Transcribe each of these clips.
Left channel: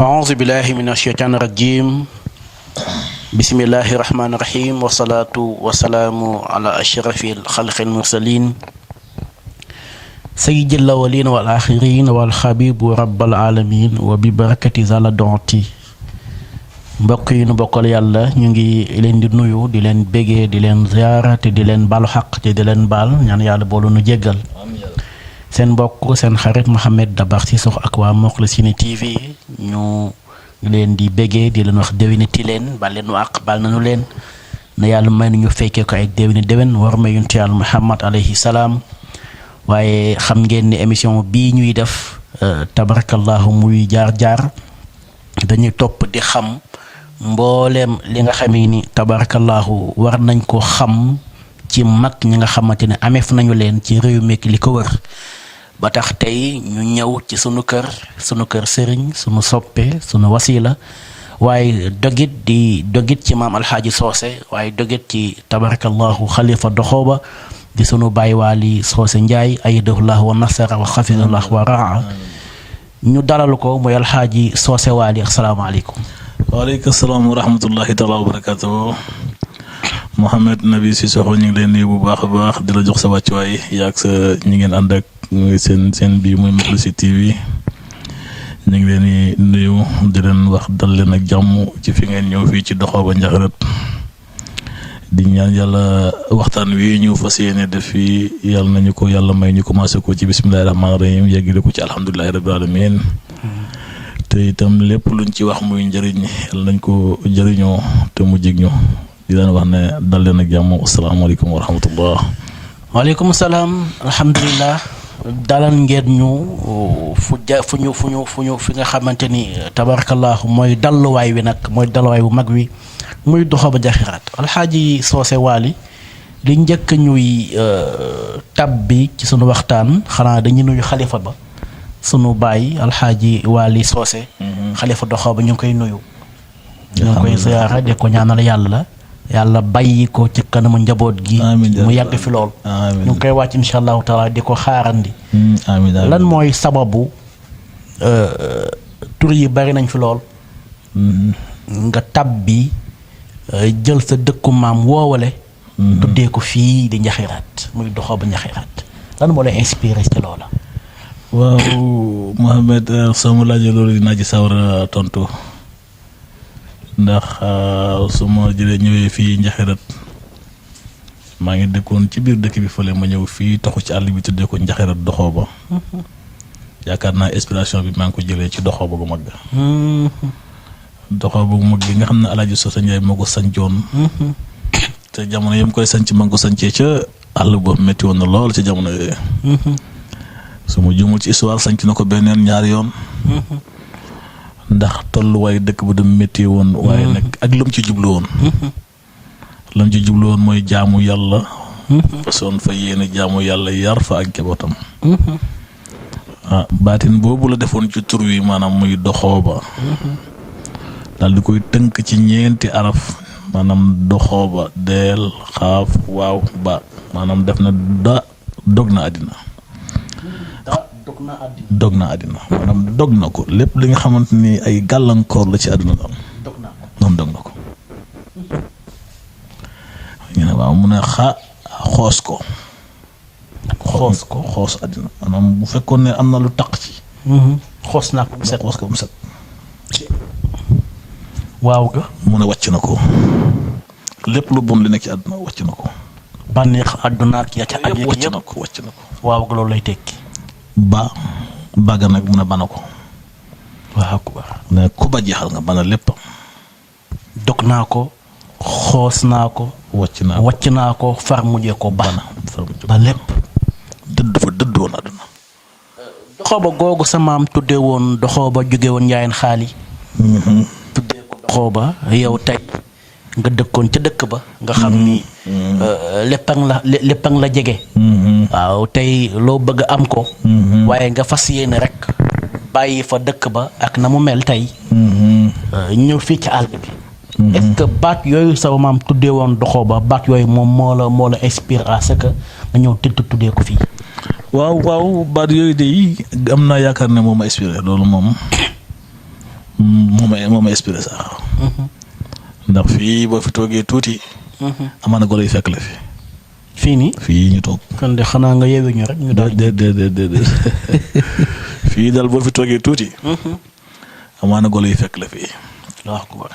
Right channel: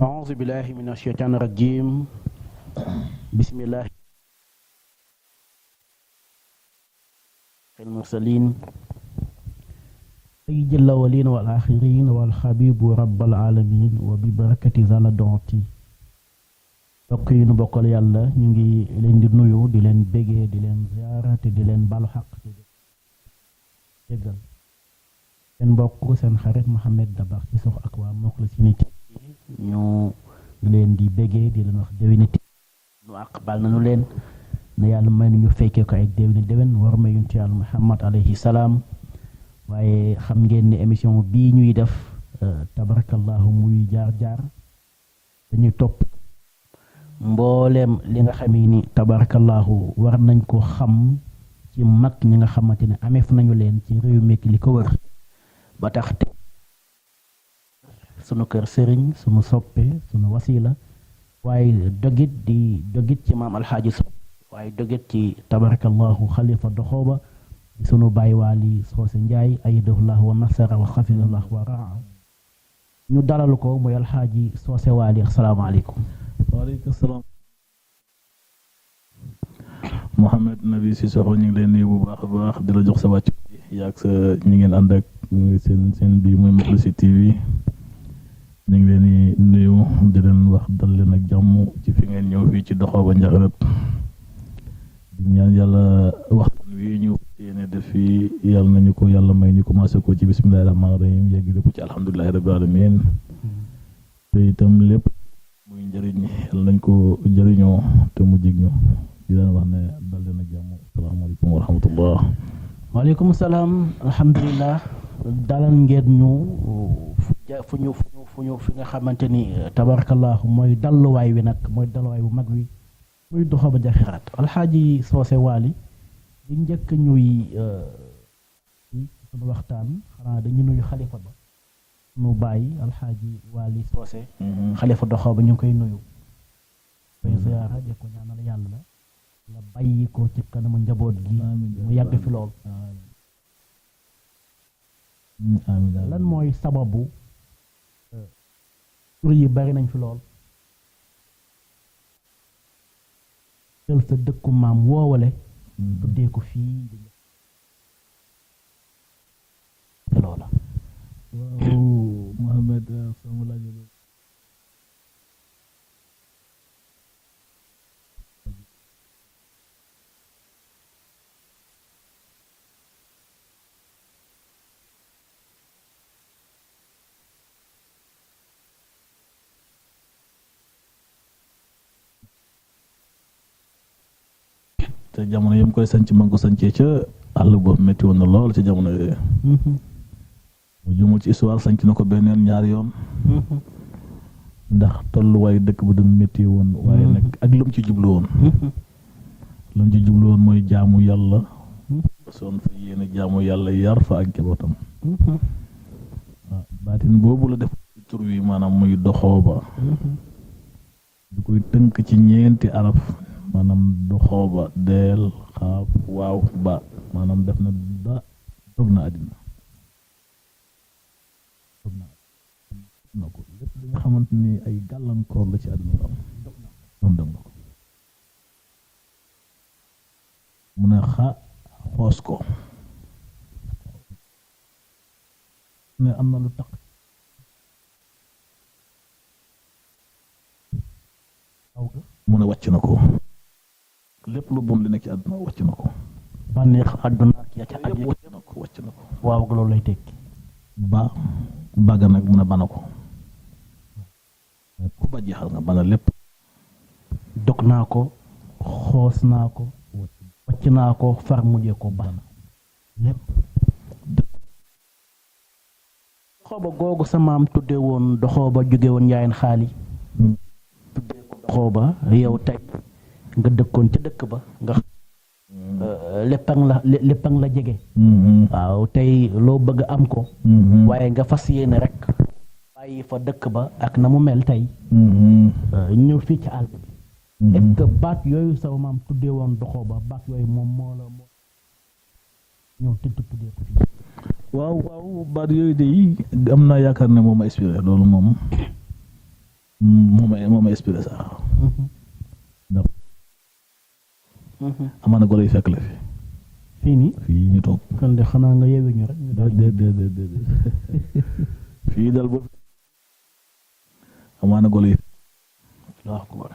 أعوذ بالله من الشيطان الرجيم بسم الله الرحمن الرحيم والصلاة والسلام على أشرف الخلق المرسلين سيد الأولين والآخرين والحبيب رب العالمين وببركة زال دونتي mbokk yi nu bokkal yàlla ñu ngi leen di nuyu di leen bégee di leen ziyaara te di leen balu xaq te di leen baal ñaan yàlla boolu nu jéggal seen mbokk seen xarit Mouhamed Dabar Cissokho ak waa Moukhlichine TV ñu leen di bégee di leen wax déwéniti leen bal leen nu àq bal nañu leen na yàlla may nu ñu fekkee ko ay déwén war ma yonent yàlla Muhammad alayhi salaam waaye xam ngeen ni émission bii ñuy def tabarakallahu muy jaar dañuy topp di xam mbooleem li nga xamee ni tabarakallahu war nañ ko xam ci mag ñi nga xamante ne ameef nañu leen ci réew mi li ko wër ba tax tey ñu ñëw ci sunu kër sëriñ sunu soppe sunu wasila waaye dogit ci maam alxaaji soose waaye dogit ci tabarakallahu xalifa doxooba di sunu baay waali soose njaay ayadahullah wa nasara wa xafidallah wa raa ñu dalal ko mooy alxaaji soose waali asalaamaaleykum. waaleykum salaam wa rahmatullahi taala wa barakatuh Mouhamed Nabi Cissokho ñu ngi leen nuyu bu baax a baax di la jox sa wàccuwaay yaag sa ñi ngeen ànd ak seen bii muy Moukhlichine TV ñu ngi leen di nuyu di leen wax dal leen ak jàmm ci fi ngeen ñëw fii ci Doxooba Njaxarat di ñaan yàlla waxtaan wi ñu fas yéene def fii yàlla nañu ko yàlla may ñu commencé ko ci bismillahi rahmaani rahim yeggale ko ci alhamdulilahi rabbil alamin te itam lépp luñ ci wax muy njëriñ yàlla nañ ko jëriñoo te mu jig ñu di leen wax ne dal leen ak jàmm asalaamaaleykum wa rahmatullah. waaleykum salaam alhamdulilah dalal ngeen ñu fu ñu fi nga xamante ni tabarakallahu mooy dalluwaay wi nag mooy dalluwaay bu mag wi muy Doxooba Njaxarat alxaaji soose waali li njëkk ñuy tab bi ci sunu waxtaan xanaa dañu nuyu xalifa ba sunu baay alxaaji waali soose xalifa Doxooba ñu ngi koy nuyu ñu ngi koy ziyaara de ko ñaanal yàlla bàyyi ko ci kanamu njaboot gi mu yàgg fi lool ñu ngi koy wàcc insha allahu taala di ko xaarandi lan mooy sababu tur yi bari nañ fi lool nga tab bi jël sa dëkku maam woowale tuddee ko fii di Njaxarat muy Doxooba Njaxarat lan moo lay inspiré ci loola. waaw Mouhamed sama laajee loolu dinaa ci sawar a tontu ndax su ma jëlee ñëwee fii Njaxarat maa ngi dëkkoon ci biir dëkk bi fële ma ñëw fii taxu ci àll bi tuddee ko Njaxarat Doxooba yaakaar naa inspiration bi maa ngi ko jëlee ci Doxooba gu mag Doxooba gu mag gi nga xam ne Alaaji Soose Njaay moo ko sancoon te jamono yam koy sanc ma ngi ko sancee ca àll ba métti woon na lool ca jamono yooyu su ma juumul ci histoire sanc na ko beneen ñaari yoon ndax tolluwaay dëkk bu dem métti woon waaye nag ak lam ci jublu woon mooy jaamu yàlla façon fa yéene jaamu yàlla yar fa ak njabootam baatin boobu la defoon ci tur wi maanaam muy Doxooba daal di koy tënk ci ñeenti araf maanaam Doxooba deel xaaf waaw ba maanaam def na dog na àddina maanaam dog na ko lépp li nga xamante ni ay gàllankoor la ci àdduna daal moom dog na ko ñu ne waaw mu ne xoos àddina maanaam bu fekkoon ne am na lu taq ci xoos naa ko mu set waaw ga mu ne wàcc na ko lépp lu bon li nekk ci àdduna wàcc na ko bànneex àdduna ak ya ca aju yëpp wàcc na ko waaw ga loolu lay tekki baga nag mun a bana ko waaw ne ku ba jeexal nga bana lépp dog naa ko xoos naa ko wàcc naa ko far mujjee ko bana ba lépp dëdd woon àdduna Doxooba googu sa maam tuddee woon Doxooba jóge woon Njaayeen xaali tuddee ko Doxooba yow tey nga dëkkoon ca dëkk ba nga xam ni léppang la jege waaw tey loo bëgg am ko waaye nga fas yéene rek bàyyi fa dëkk ba ak na mu mel tey ñëw fii ci àll bi est-ce que baat yooyu sa maam tuddee woon Doxooba baat yooyu moom moo la inspire à ce que nga ñëw tuddee ko fii waaw baat yooyu de am naa yaakaar ne moom a inspiré loolu moom moo ma inspiré sax. ndax fii boo fi toogee tuuti. amaana golo yi fekk la fi. fii nii fii ñu toog. kon de xanaa nga yeewu ñu rek ñu daal déedéet fii daal boo fi toogee tuuti. amaana golo yi fekk la fii. waaw akbar.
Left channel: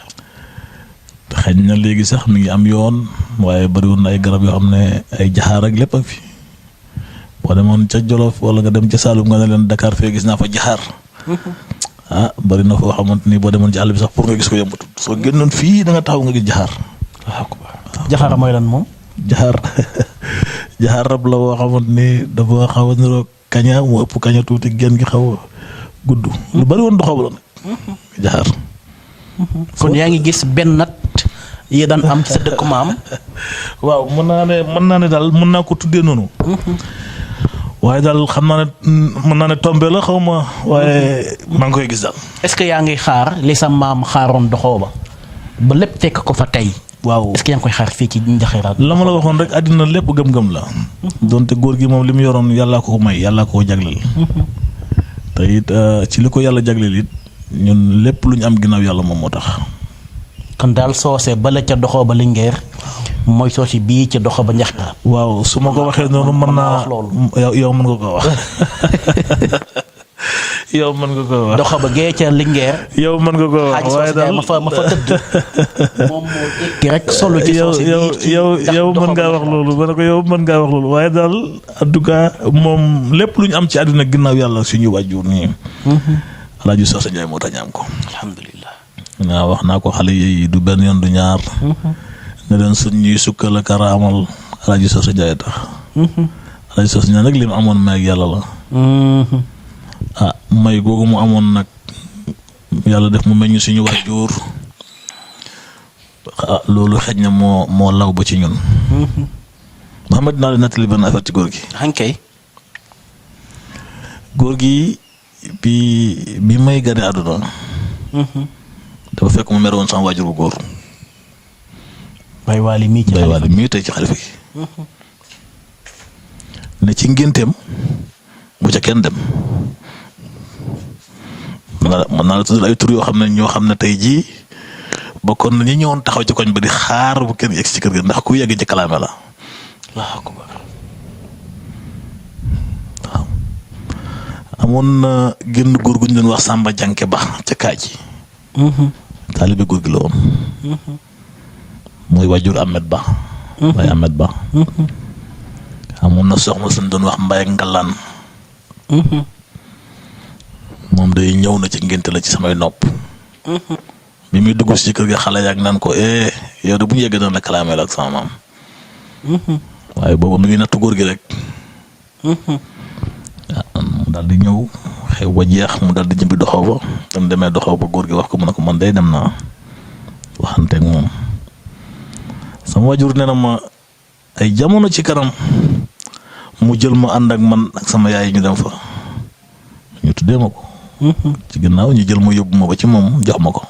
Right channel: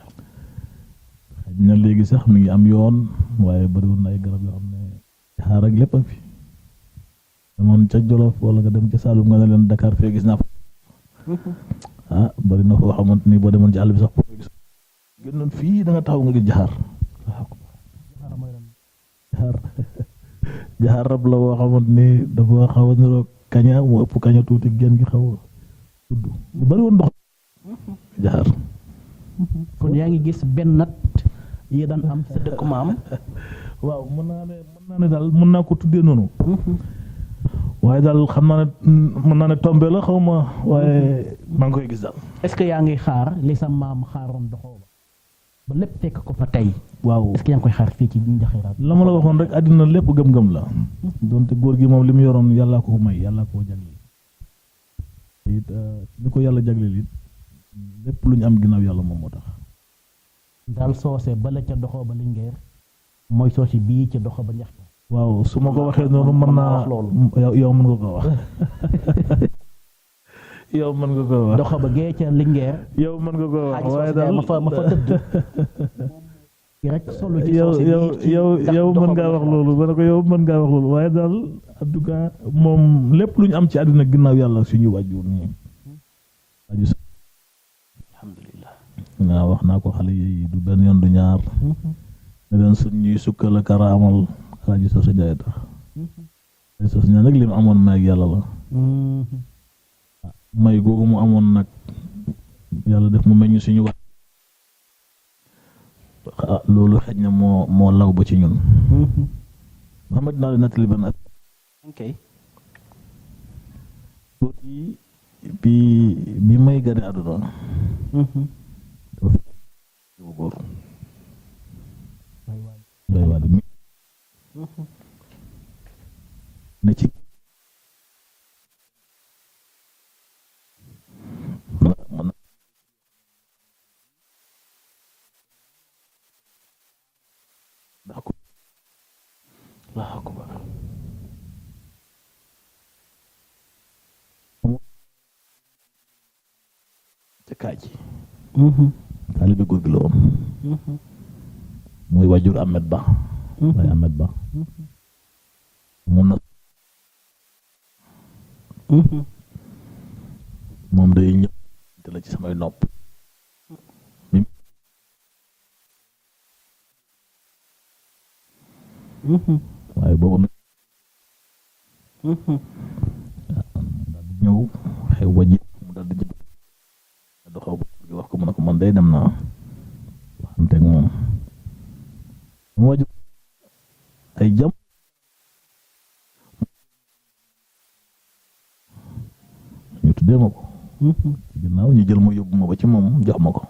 te xëy na léegi sax mi ngi am yoon waaye bariwoon na ay garab yoo xam ne ay jaxaar ak lépp ak fi boo demoon ca Jolof wala nga dem ca Saalum nga ne leen Dakar fee gis naa fa jaxaar. bari na foo xamante ni boo demoon ci àll bi sax pour nga gis ko yombatul soo génnoon fii da nga taxaw nga gis jaxaar. waaw akbar. jaxaar mooy lan moom. jaxaar rab la boo xamante ni dafa xaw a niroo kaña mu ëpp kaña tuuti genn gi xaw a gudd. lu bari woon doxaw la nag. jaxaar. kon yaa ngi gis benn nat yi daan am ci sa dëkk maam. waaw mën naa ne daal mën naa ko tuddee noonu. waaye daal xam naa ne mën naa ne tombé la xaw ma waaye maa ngi koy gis daal. est-ce que yaa ngi xaar li sa maam xaaroon doxoo ba lépp fekk ko fa tey. waaw est-ce que yaa ngi koy xaar fii ci Njaxiraat. la ma la waxoon rek àddina lépp gëm-gëm la. donte góor gi moom li mu yoroon yàllaa ko may yàllaa ko jagleel. te it ci li ko yàlla jagleel it ñun lépp lu ñu am ginnaaw yàlla moom moo tax. kon daal soose bala ca doxoo ba Linguère mooy soose bii ca doxoo ba Njaxiraat. waaw su ma ko waxee noonu mën naa yow mën nga ko wax. yow mën nga ko wax doxoo ba gee ca Linguère. yow mën nga ko wax waaye daal ma fa tëdd. moom moo tekki rek solo ci soose bii yow mën ngaa wax loolu ma ne ko yow mën ngaa wax loolu waaye daal en tout cas moom lépp lu ñu am ci àdduna ginnaaw yàlla suñu wàjjur nii. Alaaji Soose Njaay moo tax ñu am ko. alhamdulilah. waaw wax naa ko xale yi du benn yoon du ñaar. ne leen suñ ñuy sukkal a karaamal Alaaji Soose Njaay tax. Alaaji Soose Njaay nag li mu amoon may ak yàlla la. May googu mu amoon nag yàlla def mu meññ suñu waajur. loolu xëj na moo law ba ci ñun. Muhammad naa leen nettali benn affaire ci góor gi. hankay. góor gi bi may gane àdduna. dafa fekk mu mere woon sama waajur bu góor. Baye Waly mii tey ci xalifa gi. ne ci ngénteem bu ca kenn dem. mën naa la tudd ay tur yoo xam ne ñoo xam ne tey jii bokkoon na ñi ñëwoon taxaw ci koñ ba di xaar bu kenn yegg ci kër gi ndax ku yegg ci kalaame la. waaw. amoon na génn góor gu ñu doon wax Samba Janke Ba ca Kaaji. taalibe góor gi la woon. mooy waajur Ahmed Ba. waaye Ahmed Ba. amoon na soxna suñ doon wax Mbaye Ngalaan. moom day ñëw na ci ngénte la ci samay nopp. bi muy dugg ci kër gi xale yaag naan ko yow de bu ñu yeggee dana la kalaamee la ak sama maam. waaye boobu mi ngi nattu góor gi rek. mu daal di ñëw xew ba jeex mu daal di ñibbi doxaw ba dam demee doxaw ba góor gi wax ko mu ne ko man day dem naa waxanteeg moom. sama wajur nee na ma ay jamono ci kanam mu jël ma ànd ak man ak sama yaay ñu dem fa ñu tuddee ma ko. ci ginnaaw ñu jël ma yóbbu ma ba ci moom jox ma ko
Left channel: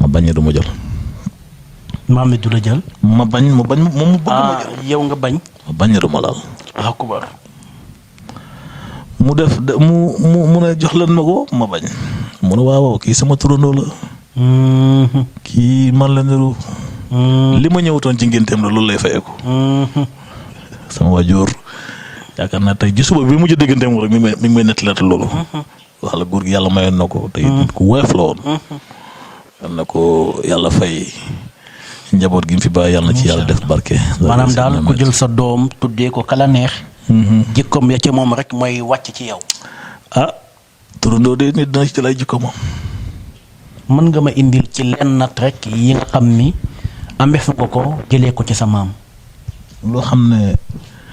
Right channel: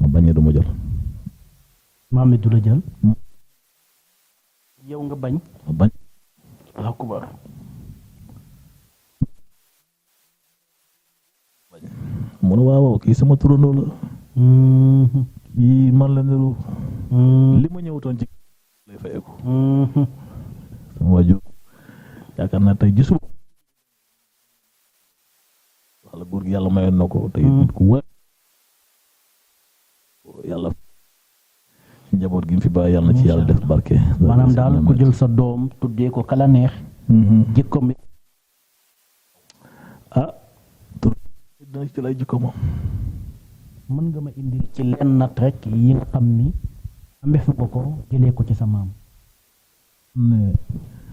ma bañ du ma jël. maam du la jël. ma bañ moom mu bëgg ma jël. yow nga bañ. ma bañ du ma laal. akubar. mu def mu ne jox leen ma ko ma bañ. mu ne waaw kii sama turandoo la. kii man la niru. li ma ñëwutoon ci ngénteem la loolu lay fayeeku. sama waajur yaakaar naa tey ji suba bi mujj dégganteem rek mi ngi may nettalaat loolu. wax la góor gi yàlla mayoon na ko tey ku woyof la woon. yal na ko yàlla fay njaboot gi mu fi bàyyi yàlla na ci yàlla def barke. maanaam daal ku jël sa doom tuddee ko kala neex. jikkoom ya ca moom rek mooy wàcc ci yow. turandoo de nit dina ci lay jikko moom. mën nga ma indil ci lenn nat rek yi nga xam ni amee fa ko jëlee ko ci sa maam. loo xam ne.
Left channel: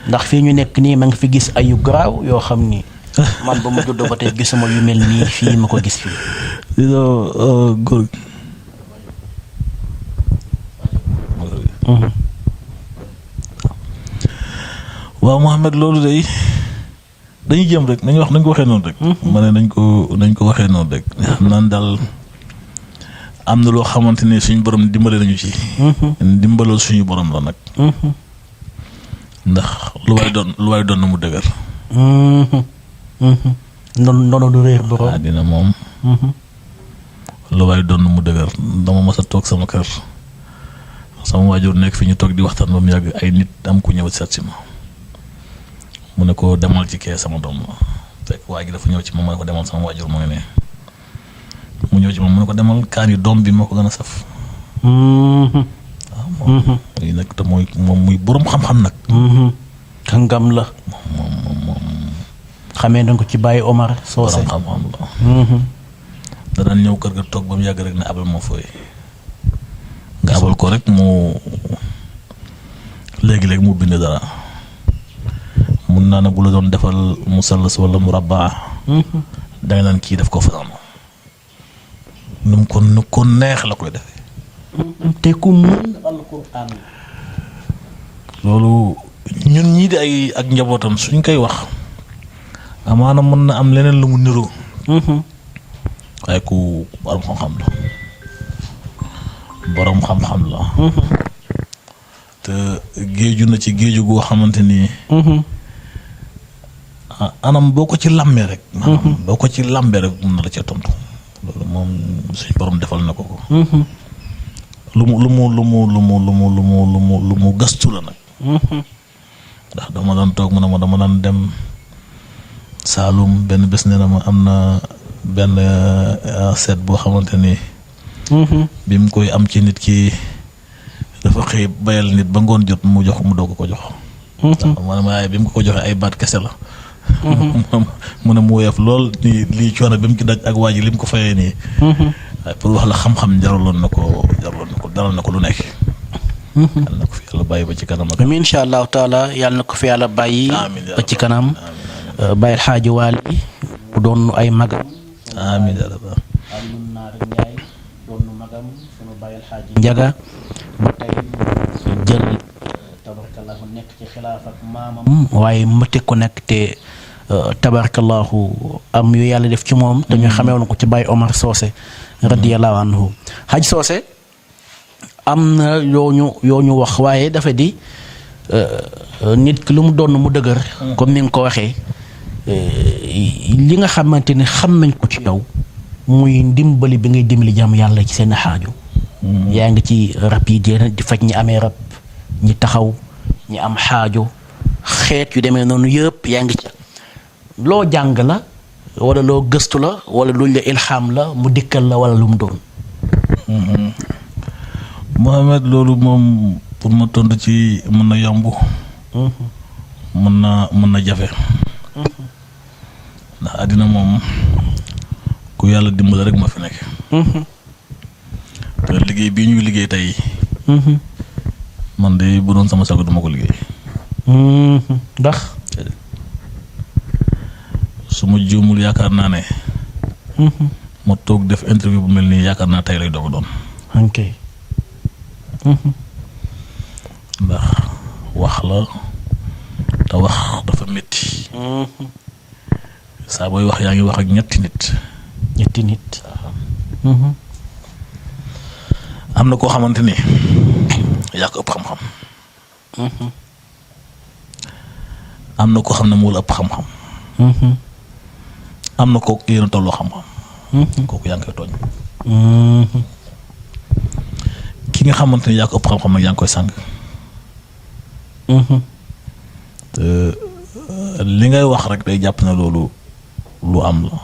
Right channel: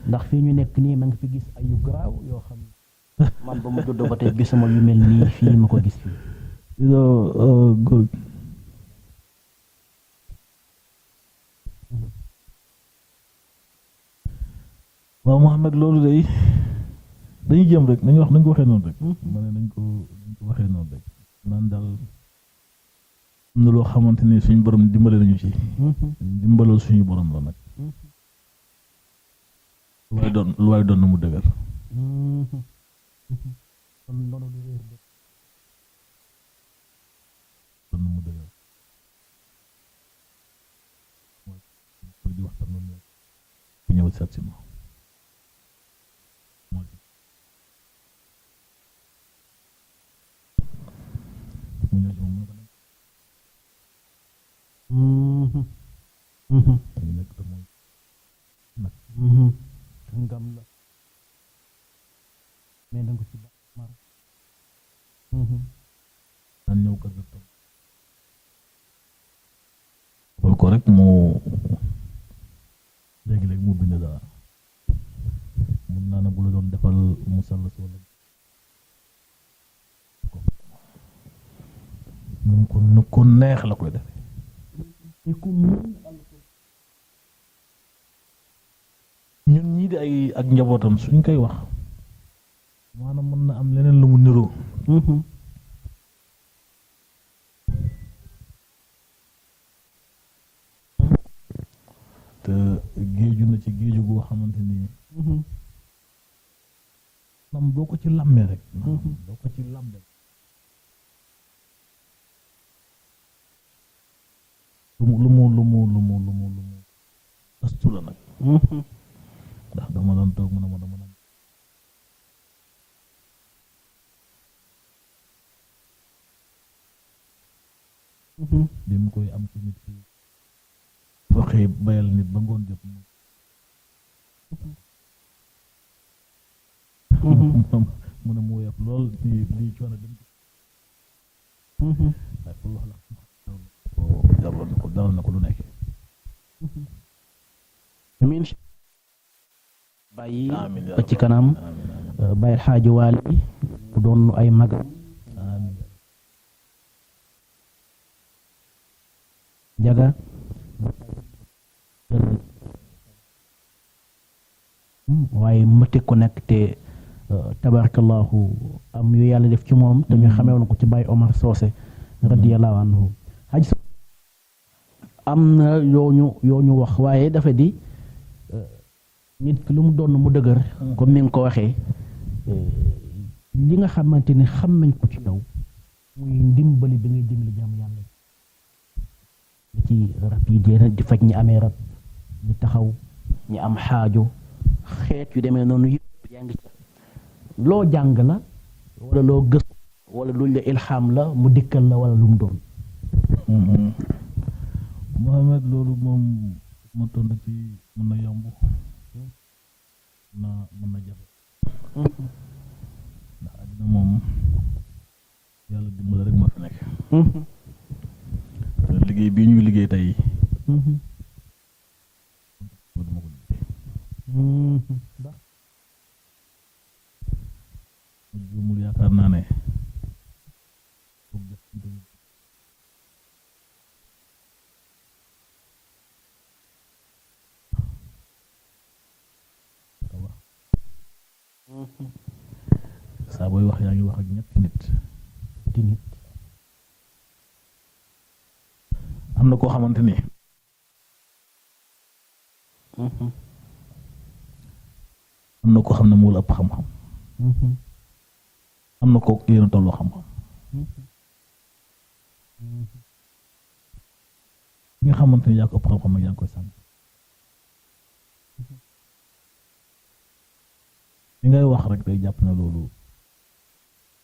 ndax fii ñu nekk nii ma nga fi gis ay yu garaaw yoo xam ni man ba mu juddoo ba tey gisuma yu mel nii fii ma ko gis fii. góor gi. waaw Mouhamed loolu day dañuy jëm rek nañ ko waxee noonu rek. ma ne nañ ko waxee noonu rek. xam naan daal am na loo xamante ne suñu borom dimbale nañu ci. dimbalal suñu borom la nag. ndax lu waay doon na mu dëgër. noonu du réer borom. dina moom. lu waay doon mu dëgër. dama mës a toog sama kër sama waajur nekk fi ñu toog di waxtaan ba mu yàgg ay nit am ku ñëw seet si ma mu ne ko demal ci kee sama doom la fekk waa ji dafa ñëw ci moom mu ne ko demal sama waajur mu ngi ne mu ñëw ci moom mu ne ko demal kaani doom bi moo ko gën a saf. waaw moom muy nag te mooy moom muy borom xam-xam nag. kàngam la. moom xamee nañ ko ci Baye Omar Socé. borom xam-xam la. da daan ñëw kër ga toog ba mu yàgg rek ne abal moo fooy nga abal ko rek mu léegi-léegi mu bind dara mun naa ne bu la doon defal musallas wala murabba danga naan kii def ko fanaan nu ko neex la koy defee. te ku mën alquran. loolu ñun ñii di ay ak njabootam suñ koy wax amaana mën na am leneen lu mu niroo. waaye ku borom xam-xam la borom xam-xam la. te géeju na ci géeju goo xamante ni. anam boo ko ci làmbee rek. maanaam boo ko ci làmbee rek mun na la cee tontu. loolu moom suñ borom defal na ko ko. lu mu gëstu la nag. ndax dama daan toog mu ne ma dama daan dem Saalum benn bés nee na ma am na benn seet boo xamante ni. bi mu koy am ci nit ki dafa xëy bayal nit ba ngoon jot mu jox mu doog ko jox. maanaam waaye bi mu ko joxee ay baat kese la. mu ne mu woyof lool nii lii coono bi mu ci daj ak waa ji li mu ko fayee nii. waaye pour wax la xam-xam jaraloon na ko dalal na ko lu nekk. yàlla na ko fi yàlla bàyyi ba ci kanam. amiin incha allahu taala yàlla na ko fi yàlla bàyyi. ba ci kanam. bàyyi Alxaaji Waali mu doon ay magam. amiin yaa rabbi. Alioune Naar Ndiaye doon magam sunu bàyyi Alxaaji Njaga ba tey jël tabarakallahu nekk ci xilaaf ak maamam. waaye mëte ko nekk te tabarakallahu am yu yàlla def ci moom. te ñu xamee woon ko ci Baye Omar Socé. radiyallahu anhu Haj Socé am na yoo ñu wax waaye dafa di nit ki lu mu doon mu dëgër. comme ni nga ko waxee li nga xamante ni xam nañ ko ci yow muy ndimbali bi ngay dimbali jàmm yàlla ci seen xaaju. yaa ngi ci rab yi di faj ñi amee rab ñi taxaw ñi am xaaju xeet yu demee noonu yëpp yaa ngi ci loo jàng la wala loo gëstu la wala luñ la ilham la mu dikkal la wala lu mu doon. Mohamed loolu moom pour ma tontu ci mën na yomb. mën na jafe. ndax àddina moom ku yàlla dimbali rek ma fi nekk. te liggéey bii ñuy liggéey tey. man de bu doon sama sago duma ko liggéey. ndax. su ma juumul yaakaar naa ne. ma toog def interview bu mel nii yaakaar naa tey lay doog a doon. ok. ndax wax la te wax dafa métti. saa booy wax yaa ngi wax ak ñetti nit. am na koo xamante ni yaa ko ëpp xam-xam. am na koo xam ne moo la ëpp xam-xam. am na kooku yéen a tolloo xam-xam. kooku yaa ngi koy tooñ. ki nga xamante ni yaa ko ëpp xam-xam nag yaa ngi koy sàng. te li ngay wax rek day jàpp na loolu lu am la.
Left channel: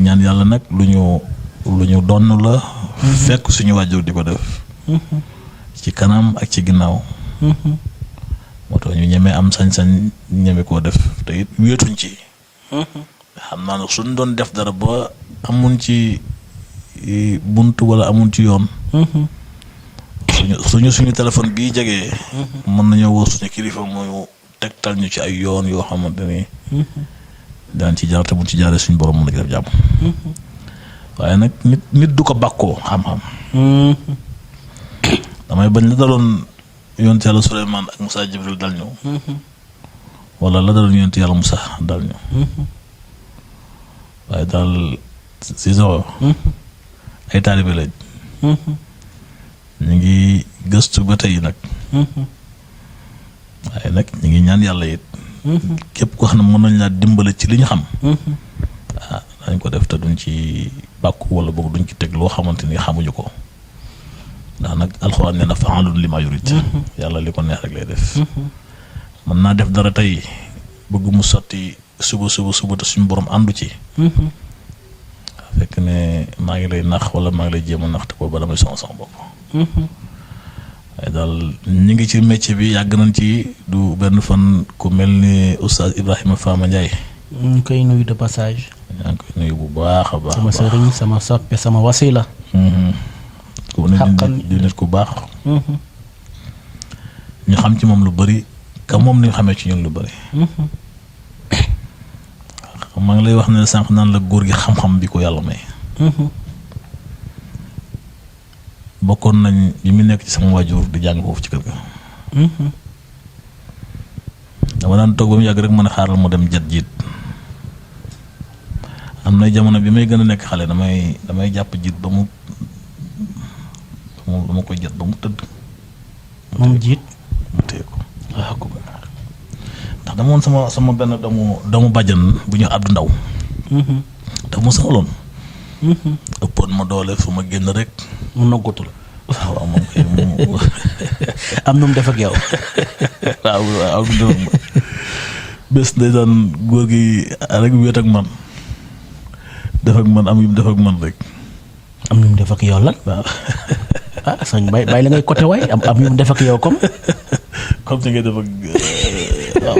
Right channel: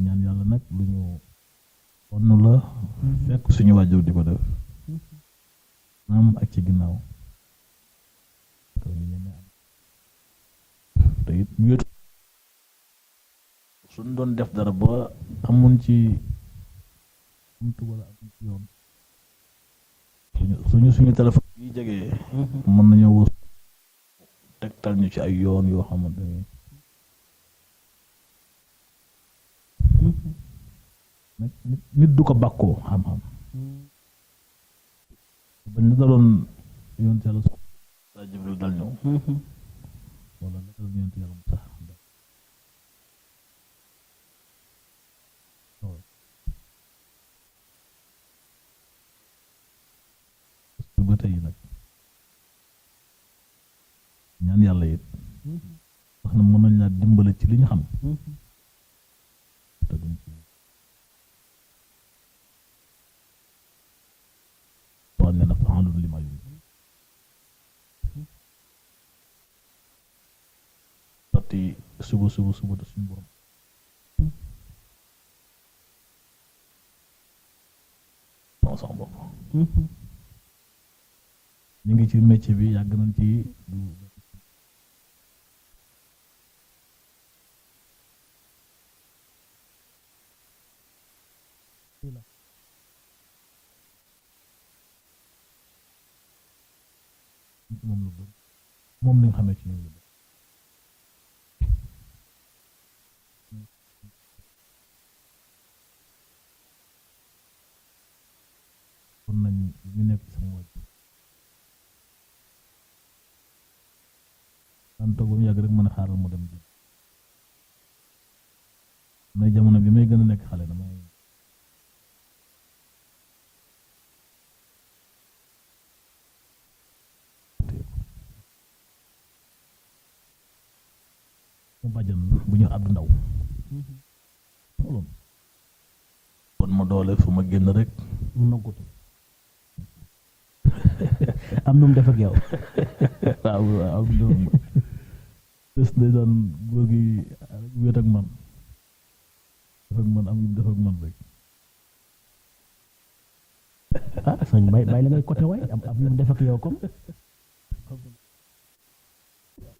ñaan yàlla nag lu ñu donn la. fekk suñu waajur di ko def. ci kanam ak ci ginnaaw. moo tax ñu ñemee am sañ-sañ ñeme koo def te it wéetuñ ci. xam naa ne suñ doon def dara ba amun ci bunt wala amun ci yoon. suñu téléphone bii jegee. mën nañoo woo suñu kilifa mooy tegtal ñu ci ay yoon yoo xamante ni. daan ci jaar te mu ci jaaree suñu borom mën na def jàmm. waaye nag nit du ko bàkkoo xam-xam. damay bañ la daloon yonent yàlla Suleymaan ak Moussa Jibril dal ñu. wala la daloon yonent yàlla Moussa dal ñu. waaye daal si soxo ay taalibe lañ. ñu ngi gëstu ba tey nag. waaye nag ñu ngi ñaan yàlla it. képp koo xam ne mën nañ laa dimbale ci li ñu xam. dañ ko def te duñ ci bàkku wala boog duñ ci teg loo xamante ni xamuñu ko ndax nag alxuraan nee na fa'aalun limaa yurid yàlla li ko neex rek lay def mën naa def dara tey bëgg mu sotti suba te suñu borom àndu ci fekk ne maa ngi lay nax wala maa ngi lay jéem a nax te booba damay sonn sama bopp waaye daal ñu ngi ci métier bi yàgg nañ ci du benn fan ku mel ni oustaz Ibrahima Fama Ndiaye ñu koy nuyu de passage yaa ngi koy nuyu bu baax a baax sama sëriñ sama soppe sama wasila di nit ku baax ñu xam ci moom lu bari ka moom ni ñu xamee ci ñun lu bari maa ngi lay wax ne sànq naan la góor gi xam-xam bi ko yàlla may bokkoon nañ bi mu nekk ci sama waajur di jàng foofu ci kër ga dama daan toog ba mu yàgg rek mën a xaaral mu dem jet jiit am na jamono bi may gën a nekk xale damay jàpp jiit ba mu dama koy jot ba mu tëdd moom jiit mu téye ko waaw ko ndax dama woon sama benn doomu bàjjan bu ñu Abdou Ndaw dafa ma sonaloon ëppoon ma doole fu ma génn rek mu noggutu la waaw moom kay moom am nu mu def ak yow waaw bés ndeysaan góor gi rek wéet ak man def ak man am yu mu def ak man rek am nu mu def ak yow lan waaw sëñ bàyyi la ngay côté waay am yu mu def ak yow comme ni ngay def ak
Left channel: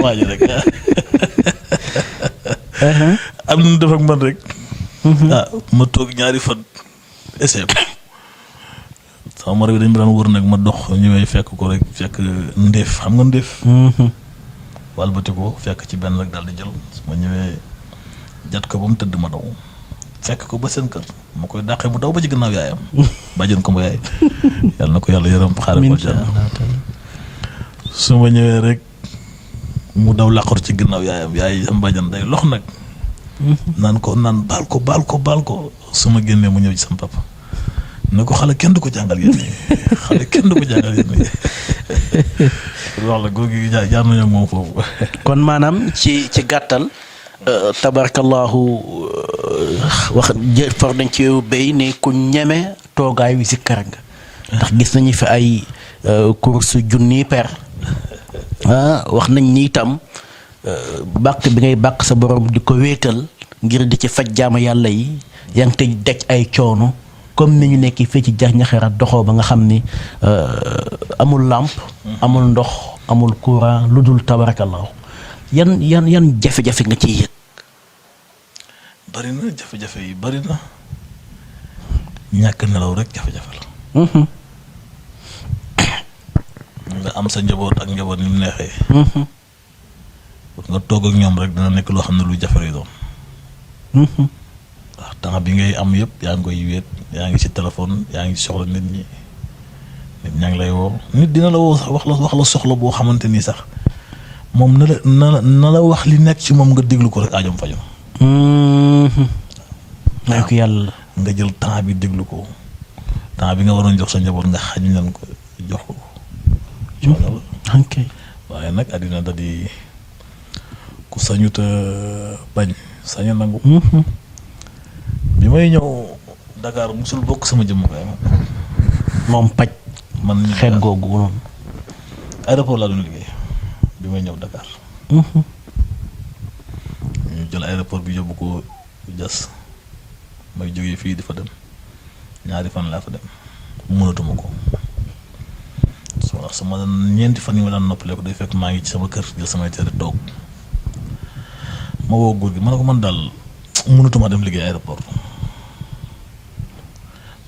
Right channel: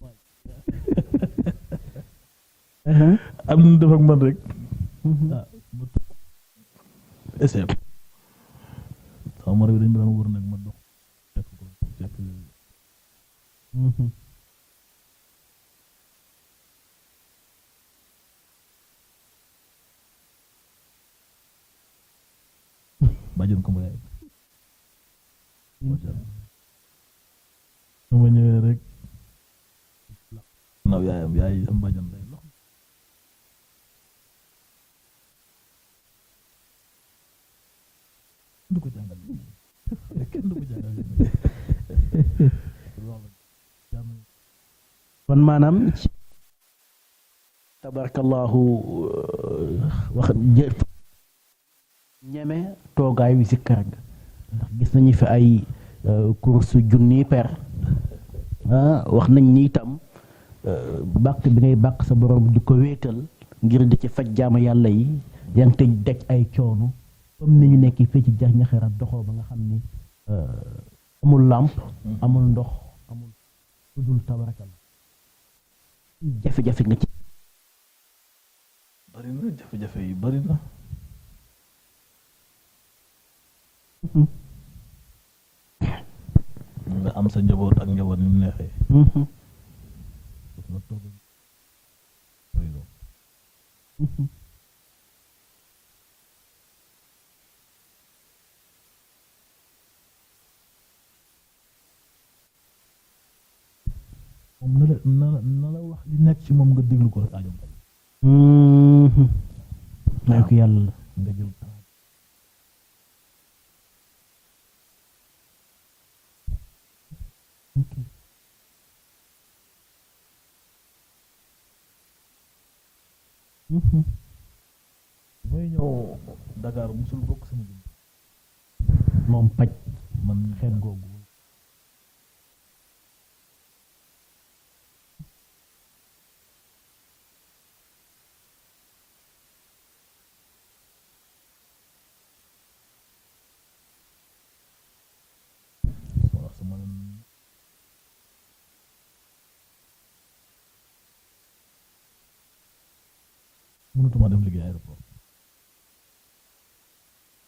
waa ji rek am nu mu def ak man rek ma toog ñaari fan essai sama moro bi dañ ma daan wër nag ma dox ñëwee fekk ko rek fekk ndéef xam nga ndéef walbati ko fekk ci benn rek daal di jël su ma ñëwee jat ko ba mu tëdd ma daw fekk ko ba seen kër ma koy dàqee mu daw ba ci gannaaw yaayam bàjjen ko ma yaay yàlla na ko yàlla yërëm xaare ko jàmm su ma ñëwee rek mu daw làqatu ci gannaaw yaayam yaay sama bàjjen day lox nag naan baal ko su ma génnee mu ñëw ci sama papa ne ko xale kenn du ko jàngal yéen xale kenn du ko jàngal yéen wax la góor gi jaar nañu ak moom foofu kon maanaam ci gàttal tabarakallahu wax for dañ ci béy ne ku ñeme toogaayu zikkar nga ndax gis nañu fi ay course junni per wax nañ ni itam bàkk bi ngay bàkk sa borom di ko wéetal ngir di ci faj jaama yàlla yi yaa ngi tëj daj ay coono comme ni ñu nekk fii ci jax ñaxerat doxoo ba nga xam ni amul làmp amul ndox amul courant lu dul tabarakallahu yan jafe-jafe nga ciy yëg bari na jafe-jafe yi bari na ñàkk nelaw rek jafe-jafe la nga am sa njaboot ak njaboot ni mu neexee nga toog ak ñoom rek dina nekk loo xam ne lu jafe lay doon waaw temps bi ngay am yëpp yaa ngi koy wéet yaa ngi ci téléphone yaa ngi soxla nit ñaa ngi lay woo nit dina la woo sax wax la soxla boo xamante ni sax moom na la wax li nekk ci moom nga déglu ko rek aajom fajom may ko yàlla nga jël temps bi déglu ko temps bi nga waroon jox sa njaboot nga xañ leen ko jox ko ok waaye nag àddina da di ku sañut a bañ saña nangu bi may ñëw Dakar musul bokk sama jëmm kay moom paj man xeet googu noonu aéroport laa doon liggéey bi may ñëw Dakar ñu jël aéroport bi yóbbu ko jas may jógee fii di fa dem ñaari fan laa fa dem mënatuma ko sama ñeenti fan yi ma daan noppale ko day fekk maa ngi ci sama kër jël samay tere toog ma woo góor gi ma ne ko man daal mënatuma dem liggéey aéroport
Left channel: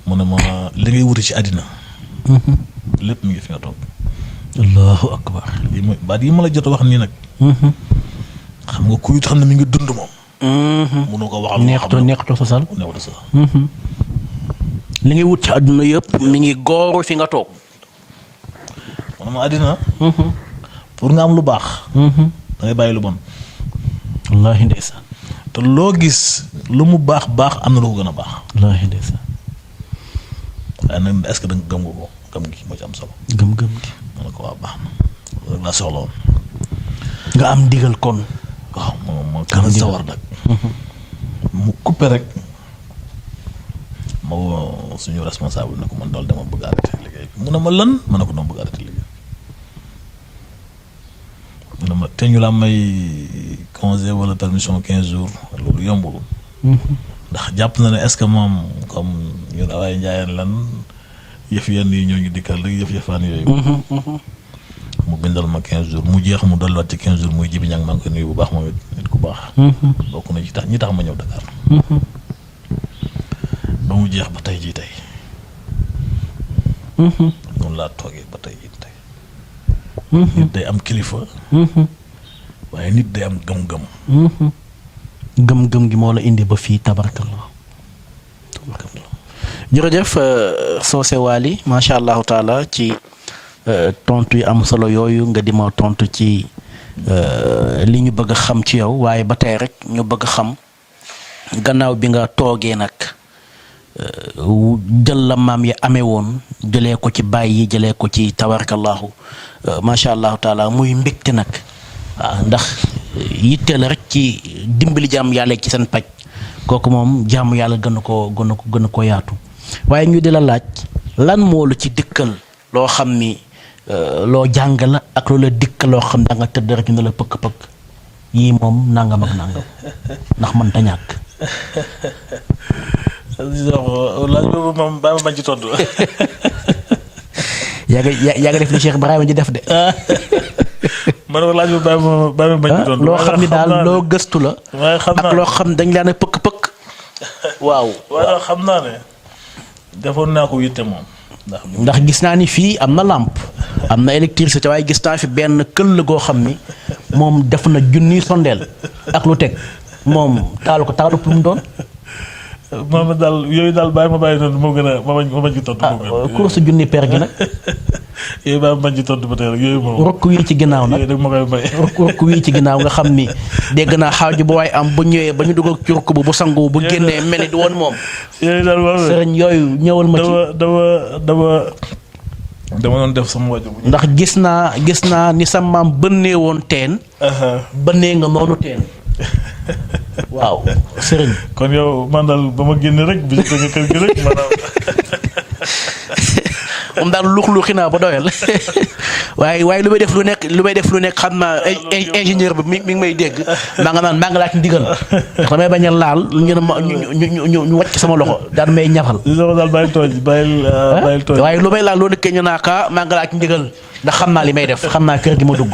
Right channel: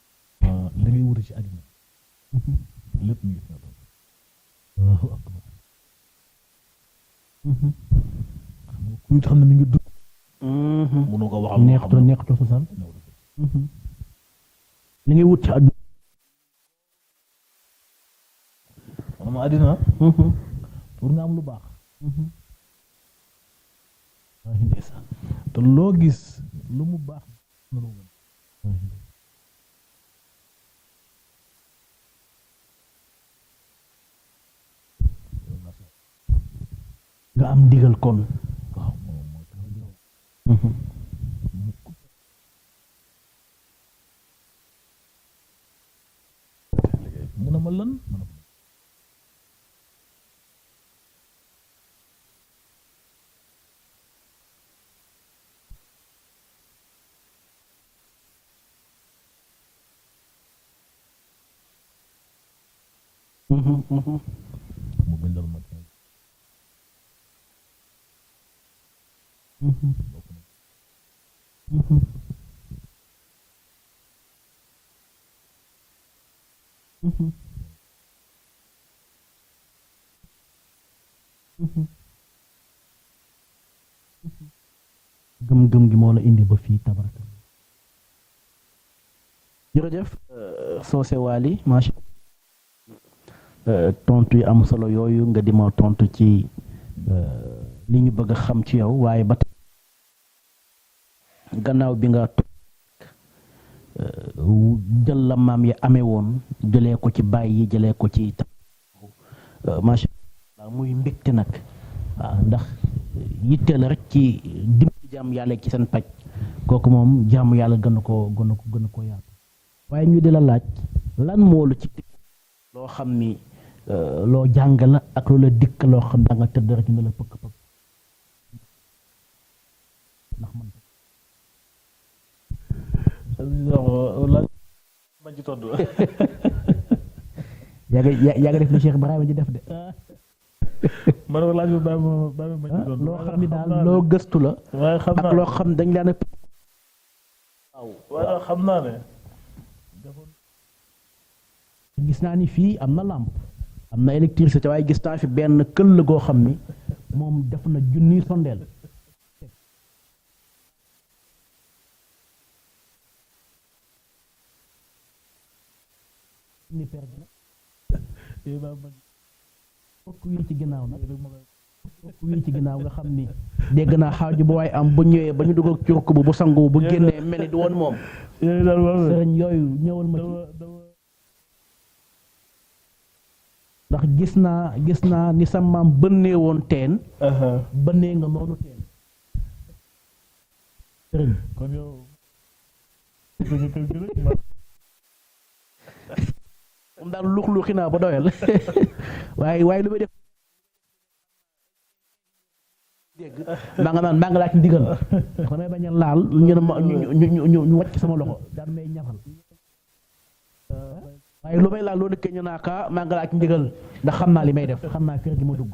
mu ne ma li ngay wuti ci àddina lépp mi ngi fi nga toog allahu akbar lii mooy baat yi ma la jot a wax nii nag xam nga kuy xam ne mi ngi dund moom mënu ko waxal neextu sosal li ngay wut ci àdduna yëpp mi ngi gooru fi nga toog man ma àddina pour nga am lu baax da ngay bàyyi lu bon wallaahi ndeysaan te loo gis lu mu baax am na lu ko gën a baax wallaahi ndeysaan waaye nag est-ce que da nga gëm nga ko gëm gi moo ci am solo gëm-gëm gi ma ne ko waa baax na loolu rek laa soxla woon nga am ndigal kon waaw moo gën a sawar nag mu coupé rek ma woo suñu responsable ne ko man daal dama bëgg arrêté liggéey mu ne ma lan ma ne ko dama bëgg arrêté liggéey mu ne ma te ñu la may congé wala permission 15 jours loolu yombul. ndax jàpp na ne est-ce que moom comme ñun waaye njaayeen lan yëf yenn yi ñoo ngi dikkal rek yëfaan yooyu. mu bindal ma 15 jours mu jeex mu dolliwaat ci 15 jours muy Jibi Ñang maa ngi koy nuyu bu baax moom it nit ku baax. bokk na ci ñi tax ma ñëw Dakar. ba mu jeex ba tey jii tey. noonu laa toogee ba tey jii tey. nit day am kilifa. waaye nit day am gëm-gëm. gëm-gëm gi moo la indi ba fii tabarakallah. jërëjëf Socé Waly macha allahu taala ci tontu yi am solo yooyu nga di ma tontu ci li ñu bëgg a xam ci yow waaye ba tey rek ñu bëgg a xam gannaaw bi nga toogee nag jël la maam yi amee woon jëlee ko ci baay yi jëlee ko ci tabarakallahu macha allahu taala muy mbégte nag waaw ndax yitte la rek ci dimbali jàmm yàlla ci seen paj kooku moom jàmm yàlla gën a ko yaatu waaye ñu di la laaj lan moo la ci dikkal loo xam ni loo jàng la ak loo la dikkal loo xam da nga tëdd rek ñu ne la pëkk-pëkk yii moom nangam ak nangam ndax mën ta ñàkk. laaj boobu moom bàyyi ma bañ ci tontu. yaa nga def li Cheikh Ibrahima ji def de. ma ne ko laaj boobu bàyyi ma bañ ci tontu. loo xam ni daal loo gëstu la. waaye xam naa ak loo xam dañ laa ne pëkk-pëkk. waaw. waaye xam naa ne defoon naa ko yitte moom. ndax gis naa ni fii am na làmp am na électricité waaye gis naa fi benn këll goo xam ni moom def na junniy sondeel ak lu teg moom taalu ko taalu pour mu doon. moom daal yooyu daal bàyyi ma bàyyi noonu moo gën a ma bañ ci tontu. course junni per gi nag. yooyu bàyyi ma bañ ci tontu ba tey rek yooyu moom. rokk wii ci ginnaaw nag yooyu nag ma koy may. rokk wii ci ginnaaw nga xam ni dégg naa xaaju bu waay am bu ñëwee ba ñu dugal ci rokk bu sangu bu génnee mel ni du woon moom. yooyu daal waaw sëriñ yooyu ñëwal ma ci. dama doon def sama wàjjo bu ndax gis naa ni sa maam bënnee woon teen. bënnee nga noonu teen. waaw sëriñ. kon yow man daal ba ma génne rek bi nga kër gi rek maanaam. moom daal luux-luuxi naa ba doyal waaye lu may def lu nekk xam naa ingénieur bi mi ngi may dégg maa nga laaj ndigal ndax damay bañ a laal ñu wàcc sama loxo daan may ñafal. daal bàyyil tooñ. waaye lu may laal loo nekkee ñu naa kaa maa nga laaj ndigal ndax xam naa li may def xam naa kër gi ma dugg.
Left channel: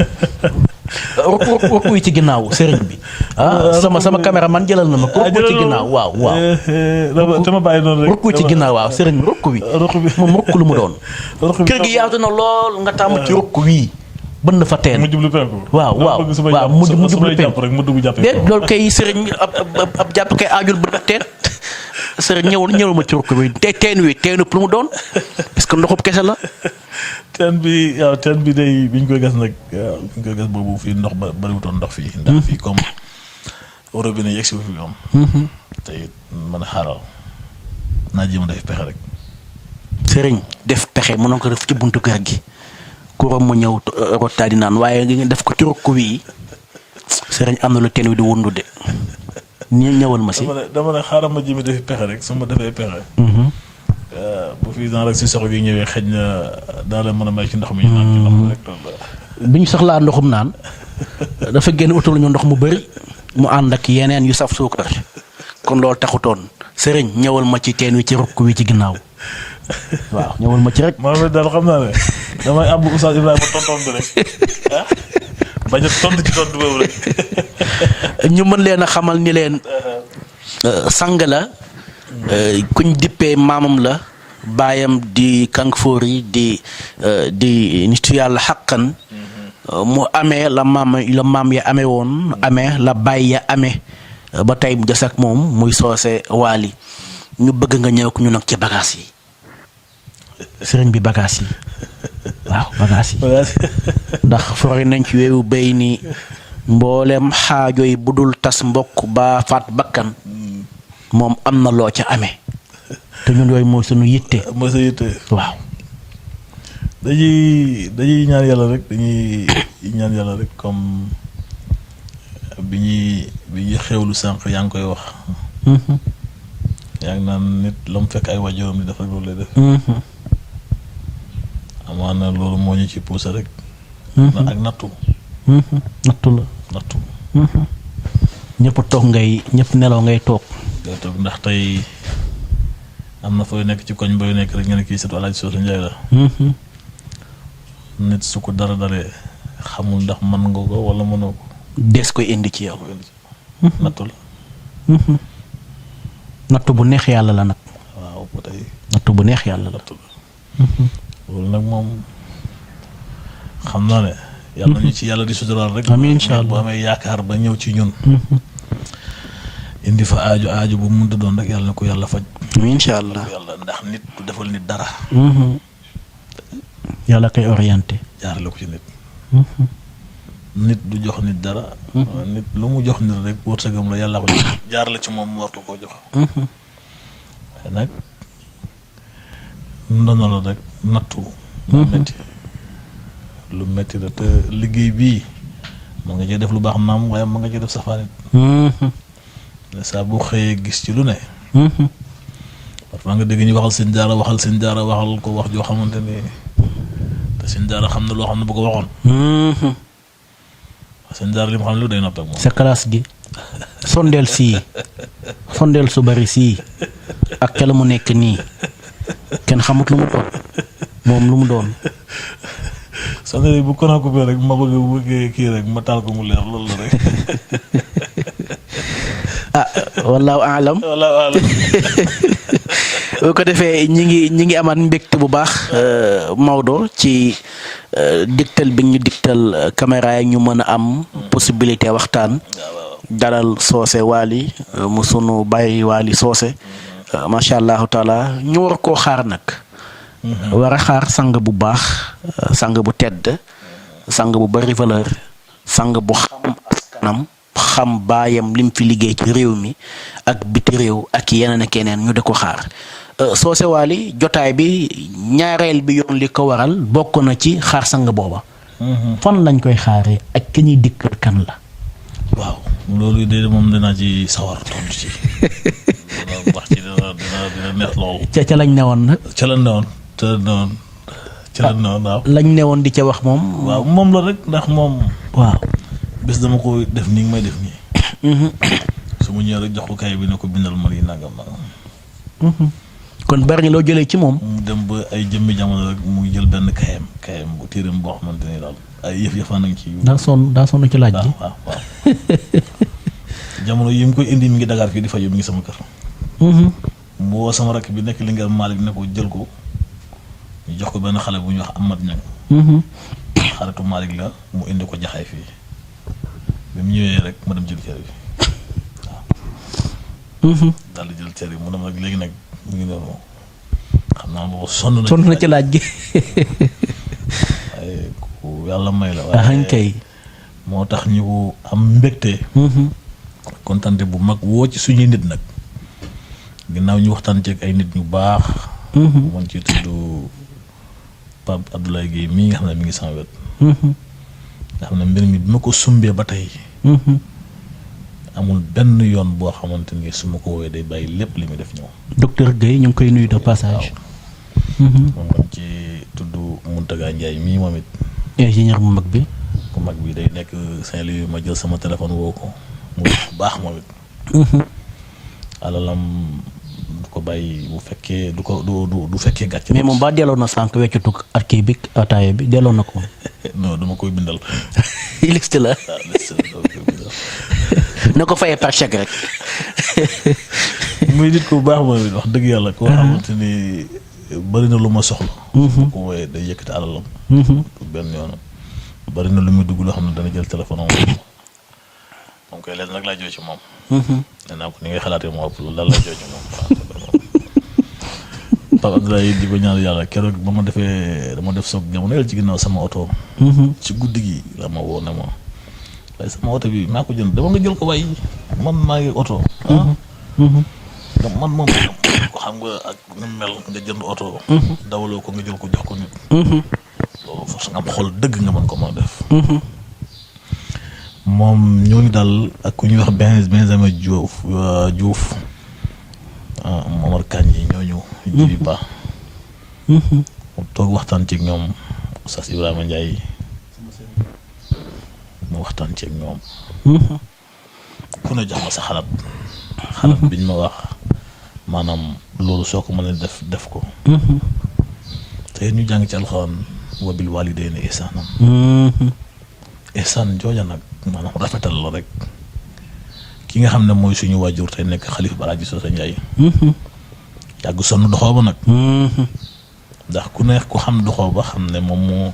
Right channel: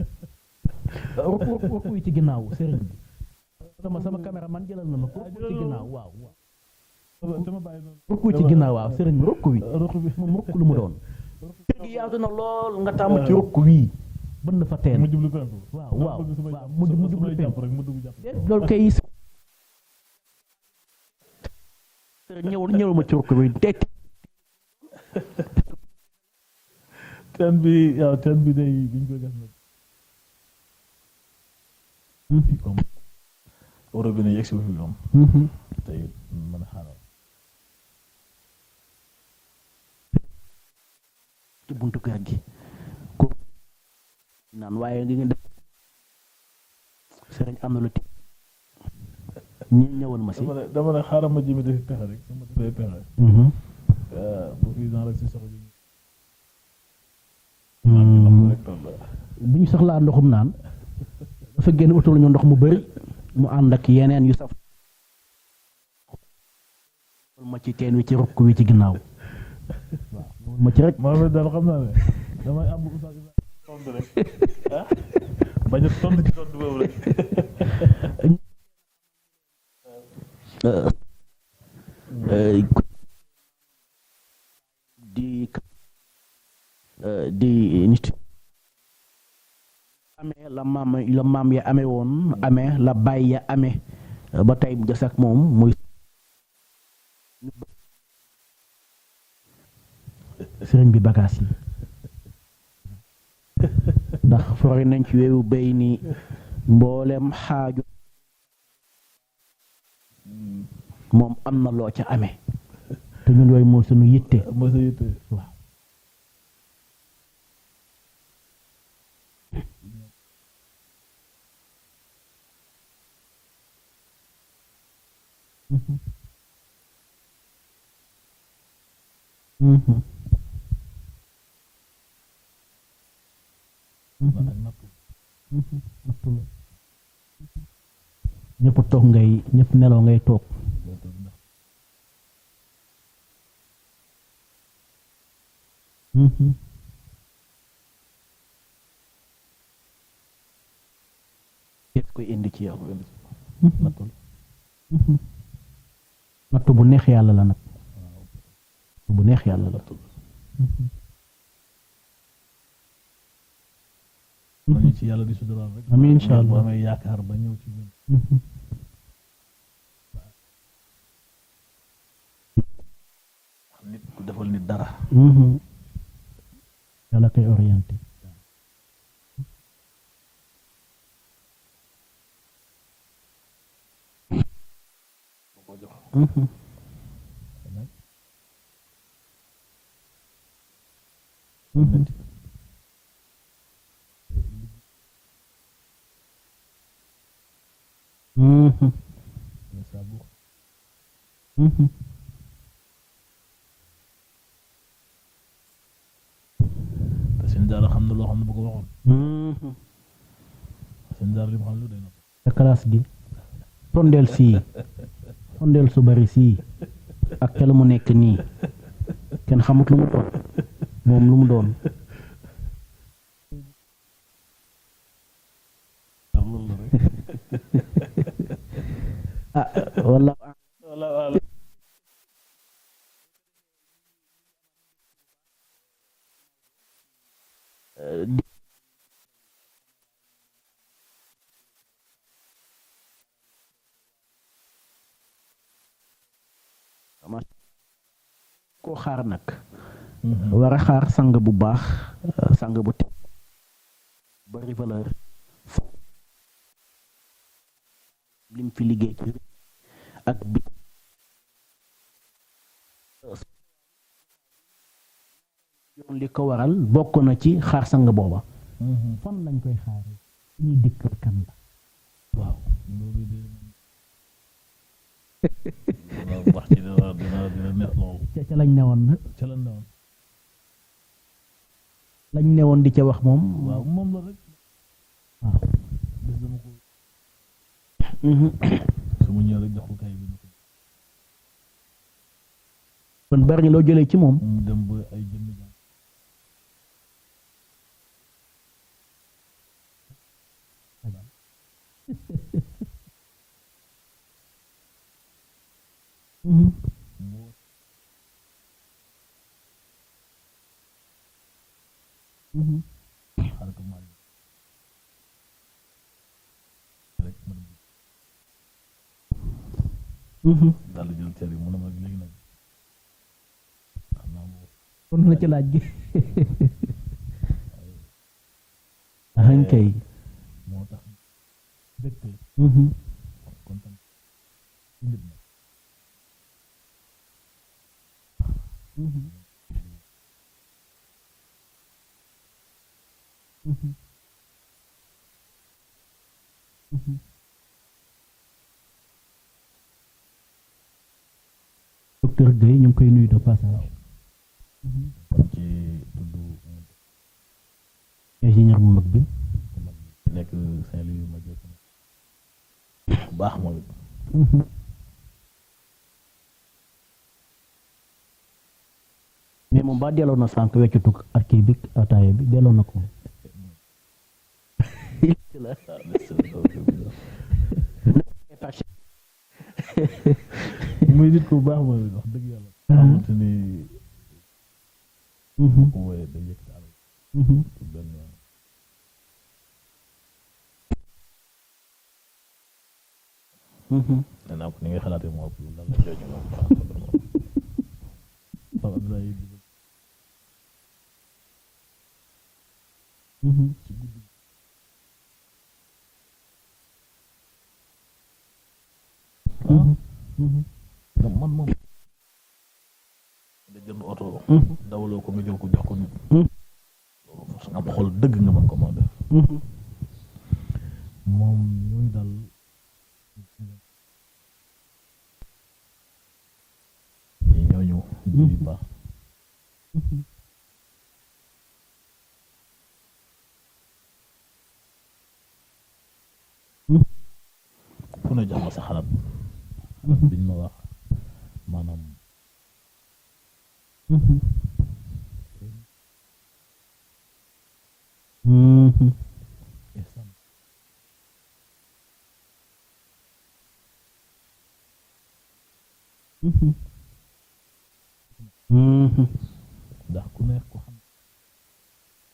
rukku yi ci ginnaaw sëriñ bi sama caméraman jëlal na ma ko rukku ci ginnaaw waaw dama bàyyi noonu rek rukku ci ginnaaw waaw sëriñ bi rukku bi moom rukku lu mu doon kër gi yaatu na lool nga tàmm ci rukku wii bënn fa teen mu jublu penku waaw mu jublu penku rek mu dugg jàppe déet loolu kay sëriñ ab jàpp kay aajul bu def teen sëriñ ñëwul ma ci rukku bi teen wi teenu lu mu doon parce que ndoxub kese la. teen bi day bi ñu koy gas nag bi ñu koy gas boobu fii ndox ba bariwutoon ndox fii. ndax fii comme robinet yegg si fi moom. te it mën a xaaral naa jéem a def pexe rek. sëriñ def pexe mënoon ko def ci buntu kër gi kuram mu ñëw rottaadi naan waaye nga def ko ci rokk wi sëriñ am na lu teen wi di wundu de ñëwal ma si. dama ne xaaral ma jéem a def pexe rek su ma defee pexe. bu fi rek si soxla yi ñëwee xëj na daa la mën a may ci ndox mi ñu naan ci ndox mi rek bi ñu soxlaa ndoxum naan dafa génn utal ñu ndox mu bëri mu ànd ak yeneen yu saf suukar kon loolu taxutoon sëriñ ñëwal ma ci teen wi ci rukk wi ci ginnaaw waaw ñëwal ma ci rek. moom daal xam naa ne damay àbb Oustaz Ibrahima tonton bi rek bañ a tontu ci tontu boobu rek. ñu mën leen a xamal ni leen sang la. kuñ dippee maamam la baayam di Kanfoori di nitu yàlla xaqan mu amee la maam ya amee woon amee la baay ya amee ba tey mu des ak moom muy Socé Waly ñu bëgg nga ñëw ko ñu nag ci bagages yi sëriñ bi bagages yi waaw bagages yi ndax fori nañ ci weewu béy ni mboolem xaajo yi bu dul tas mbokk ba faat bakkan moom am na loo ca amee te ñun yooyu mooy suñu yitte. mooy sa yitte waaw. dañuy ñaan yàlla rek comme bi ñuy xewlu sànq yaa ngi koy wax. yaa ngi naan nit la mu fekk ay waajuram di def rek loolu lay def. amaana loolu moo ñu ci poussé rek. ak nattu. nattu la. nattu. ñëpp toog ñëpp nelaw ngay toog. ngay toog ndax tey am na fooy nekk ci koñ booy nekk rek nga ne kii surtout Alaaji Soosu Njaay la. nit su ko dara dalee xamul ndax mën nga ko wala mënoo ko. des koy indi ci yow. nattu la. nattu bu neex yàlla la nag. waaw ba tey. nattu bu neex yàlla la. nattu la. loolu nag moom xam naa ne. yàlla ñu ci yàlla di suturaal rek. amiin incha allah bu amee yaakaar ba ñëw ci ñun. indi fa aajo bu mu mënta doon rek yàlla na ko yàlla faj. amiin incha allah yàlla ndax nit du defal nit dara. yàlla koy orienté. jaarale ko ci nit. nit du jox nit dara. nit lu mu jox nit rek wërsëgam la yàlla ko jaarale ci moom mu war ko koo jox. waaye nag ndono la rek nattu. lu metti la te liggéey bii mën nga cee def lu baax naam waaye mën nga cee def safaanit. saa boo xëyee gis ci lu ne. parfois nga dégg ñu waxal seen jaara waxal ko wax joo xamante ni te seen jaara xam na loo xam ne bu ko waxoon. seen jaara li mu xam ne lu day nopp ak moom. sa classe gi sondeel su bari sii ak ca la mu nekk nii kenn xamut lu mu doon moom lu mu doon. sondeel bu kon ko rek ma bëgg kii rek ma taal ko mu leer loolu la rek. wallaahu aalam. boo ko defee ñi ngi amaat mbégte bu baax Maodo ci digtal bi ñu digtal caméra yi ñu mën a am possibilité waxtaan dalal Socé Waly mu sunu bàyyi Waly Socé macha allahu taala ñu war koo xaar nag. war a xaar sang bu baax sang bu tedd sang bu bari valeur sang bu xam askanam xam baayam lim fi liggéey ci réew mi ak biti réew ak yeneen ak yeneen ñu di ko xaar Socé Waly jotaay bi ñaareel bi yoon li ko waral bokk na ci xaar sang booba. fan lañ koy xaaree ak ki ñuy dikkal kan la. waaw loolu de moom dinaa ci sawar tontu ci. dina wax ci dina neex lool. ca lañ newoon nag. ca lañ newoon waaw. lañ newoon di ca wax moom. waaw moom la rek ndax moom. waaw bés dama ko def nii may def nii. su mu ñëwee rek jox ko kay bi ne ko bindal ma lii nangam nangam. kon bari loo jëlee ci moom. mu dem ba ay jëmmi jamono rek mu jël benn kayam bu téeram boo xamante ni daal ay yëf-yëfaan nañ ci. daa sonn ci laaj bi. waaw jamono yi mu koy indi mi ngi Dakar fii di faju mi ngi sama kër. mu woo sama rakk bi nekk li nga Malick ne ko jël ko ñu jox ko benn xale bu ñuy wax Amad Ñang. xaritu Malick la mu indi ko jaxaay fii bi mu ñëwee rek ma dem jël cër bi waaw. daal di jël cër bi mu dem nag léegi nag mu ngi noonu xam naa boobu sonn na ci laaj gi. waaye ku yàlla may la. waaye kay moo tax ñu am mbégte. kontante bu mag woo ci suñuy nit nag ginnaaw ñu waxtaan ci ak ay nit ñu baax. mën ci tudd Pape Abdoulaye Guèye mii nga xam ne mi ngi sama wet. nga xam ne mbir mi bi ma ko sumbee ba tey. amul benn yoon boo xamante ni su ma ko woowee day bàyyi lépp li muy def ñëw. docteur Guèye ñu ngi koy nuyu de passage. moom lañ ci tudd Mountaga Ndiaye mii moom it. ingénieur bu mag bi. bu mag bi day nekk Saint-Louis ma jël sama téléphone woo ko mu baax moom it. alalam du ko bàyyi bu fekkee du fekkee gàcce. mais moom ba delloo na sànq weccutu ak kii bi ataaya bi delloo na ko. non dama koy bindal. liste la. waaw liste la dama koy bindal. na ko fayee par chèque rek. muy nit ku baax moom it wax dëgg yàlla. koo xamante ni bari na lu ma soxla. bu ko wooyee day yëkkati alalam. benn yoon bari na lu muy dugg loo xam ne dana jël téléphone am. moom koy leen nag laa jooy ci moom. nee naa ko ni ngay xalaatee moo ëpp loolu daal laa jooy ci moom. Pape Abdoulaye di ko ñaan yàlla keroog ba ma dama def soog jamono yàlla ci ginnaaw sama oto. ci guddi gi la ma woo ne ma waaye sama oto bi maa ko jënd dama nga jël ko waaye man maa ngi oto. man moom ko xam nga ak ni mel nga jënd oto. dawaloo ko nga jël ko jox ko nit. loolu force nga am xol dëgg nga mën ko mën a def. moom ñooñu daal ak ku ñuy wax Benjamin Diouf ñooñu jibi ba mu toog waxtaan ci ñoom Oustaz Ibrahima Ndiaye mu waxtaan ci ñoom ku ne jox ma sa xalaat biñ ma wax maanaam loolu soo ko mënee def ko te ñu jàng ci alxuraan wa bil waalidayni ihsaanan ihsaan jooja nag maanaam rafetal la rek ki nga xam ne mooy suñu waajur tey nekk xalifa Alaaji Socé Ndiaye yàgg sonn doxoo ba nag ndax ku neex ku xam doxoo ba xam ne moom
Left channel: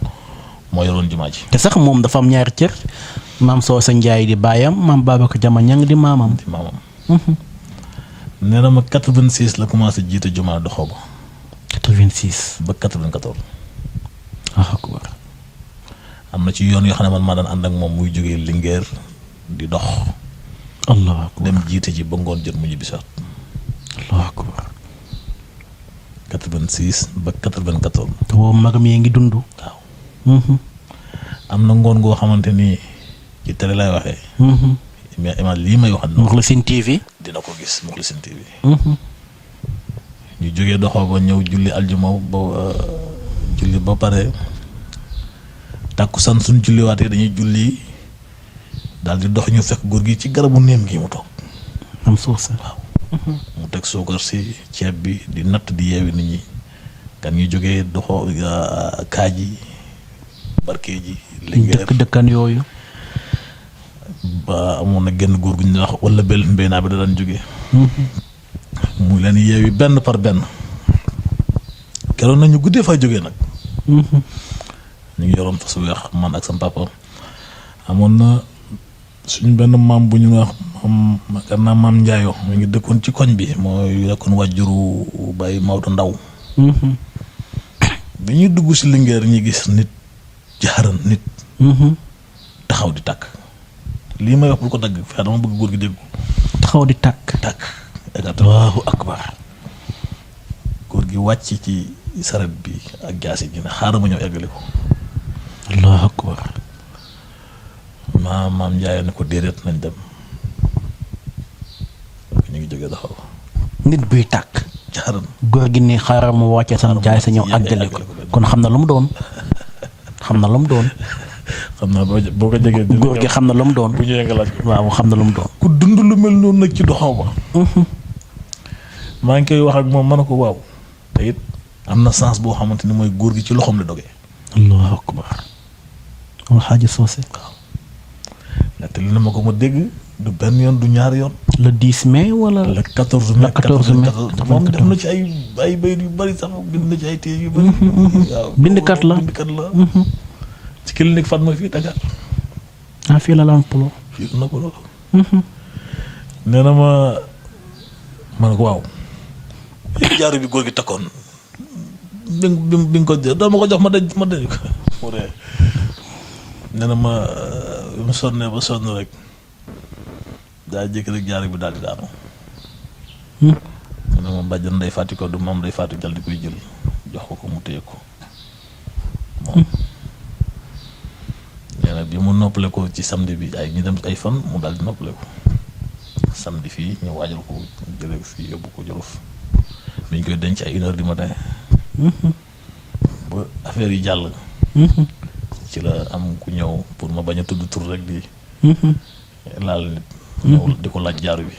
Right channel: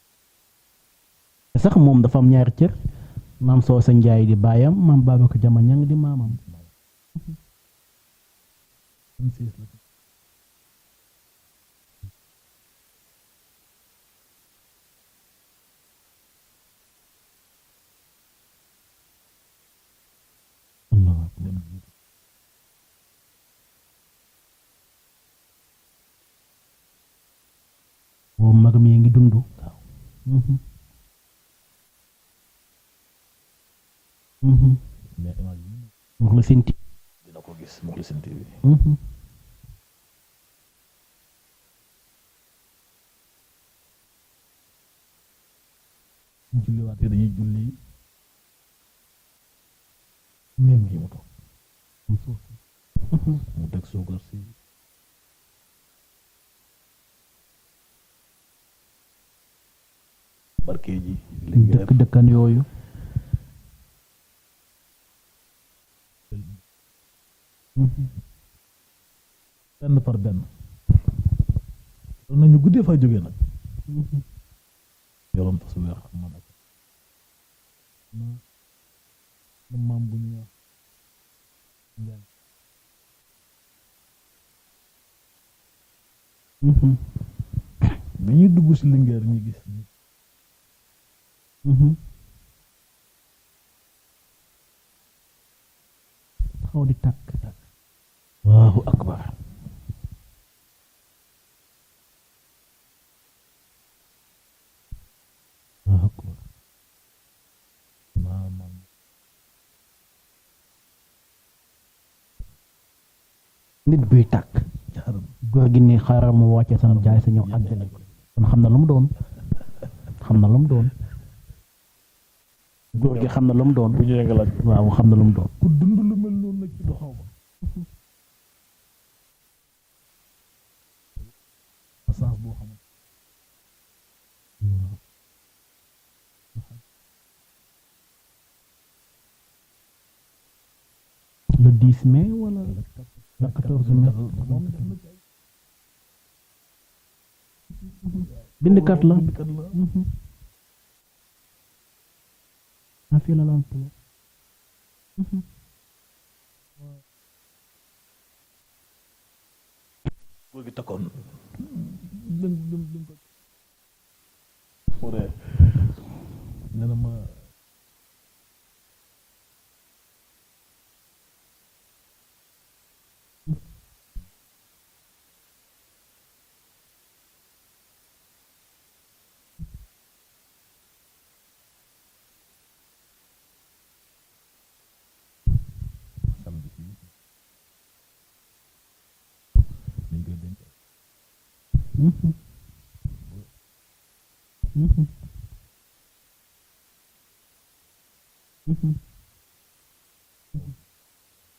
moo yoroon jumaa ji te sax moom dafa am ñaari cër maam Socé Ndiaye di baayam maam Babacar Jama ñang di maamam nee na ma 86 la commencé jiite jumaa doxoo ba 86 ba 94 akbar am na ci yoon yoo xam ne man maa daan ànd ak moom muy jógee Linguère di dox allah akbar dem jiite ji ba ngoon jot mu ñibbi saat allah akbar 86 ba 94 te boobu magam yi ngi dund waaw am na ngoon goo xamante ni ci télé lay waxee mais image lii may wax Moukhlisine TV dina ko gis Moukhlisine TV ñu jógee doxoo ba ñëw julli aljuma ba julli ba pare tàkkusaan suñ julliwaatee dañuy julli daal di dox ñu fekk góor gi ci garabu néem gi mu toog am Socé waaw mu teg suukar si ceeb bi di natt di yeewi nit ñi kan ñu jógee doxoo Kaaji Barke ji Linguère dëkkan yooyu ba amoon na genn góor gu ñu wax wala bel mbéynaa bi da daan jógee mu leen yeewi benn par benn keroon nañu guddee faa jógee nag ñu ngi yoroon fas weex man ak sam papa amoon na suñu benn maam bu ñu wax maam Njaayo mu ngi dëkkoon ci koñ bi mooy nekkoon wàjjuru Baye Maodo Ndaw bi ñuy dugg si Linguère ñi gis nit jaaran nit taxaw di tàkk lii may wax bu ko dagg fexe dama bëgg góor gi dégg ko taxaw di tàkk allahu akbar góor gi wàcc ci saret bi ak jaasi ji ne xaaral ma ñëw eggale ko allahu akbar maam Ndiaye ne ko déedéet nañ dem ñu ngi jógee taxaw nit buy tàkk jaaran góor gi ni xaaral mu wàccee sam jaay sa ñëw àggale ko kon xam na lu mu doon xam naa boo ko jegee góor gi xam na lu mu doon bu ñëwee nga laaj ko waaw xam na lu mu doon ku dund lu mel noonu nag ci doxaw ba maa ngi koy wax ak moom ma ne ko waaw te it am na sens boo xamante ni mooy góor gi ci loxoom la dogee allahu akbar Alxaaji Socé waaw nettali na ma ko ma dégg du benn yoon du ñaari yoon le 10 mai wala le 14 mai moom def na ci ay bayit yu bari sax bind na ci ay téere yu bari waaw bindkat la ci clinique Fatma fii Dakar fii la Lampulo fii na ko loolu nee na ma ne ko waaw jaaru bi góor gi takkoon bi nga ko doo ma ko jox ma daj ko mu ree nee na ma mu sonnee ba sonn rek daa jékki rek jaaru bi daal di daanu mu ne ma bàjjan Ndey Faati ko du maam Ndey Faati jal di koy jël jox ko mu téye ko moom nee na bi mu noppale ko ci samedi bi ñu dem ay fan mu daal di noppale ko samedi fii ñu waajal ko jëlee fii yóbbu ko Jolof bi ñu koy denc ay 1h du matin ba affaire yi jàll ci la am ku ñëw pour ma bañ a tudd tur rek di laal nit ñëw di ko laaj jaaru bi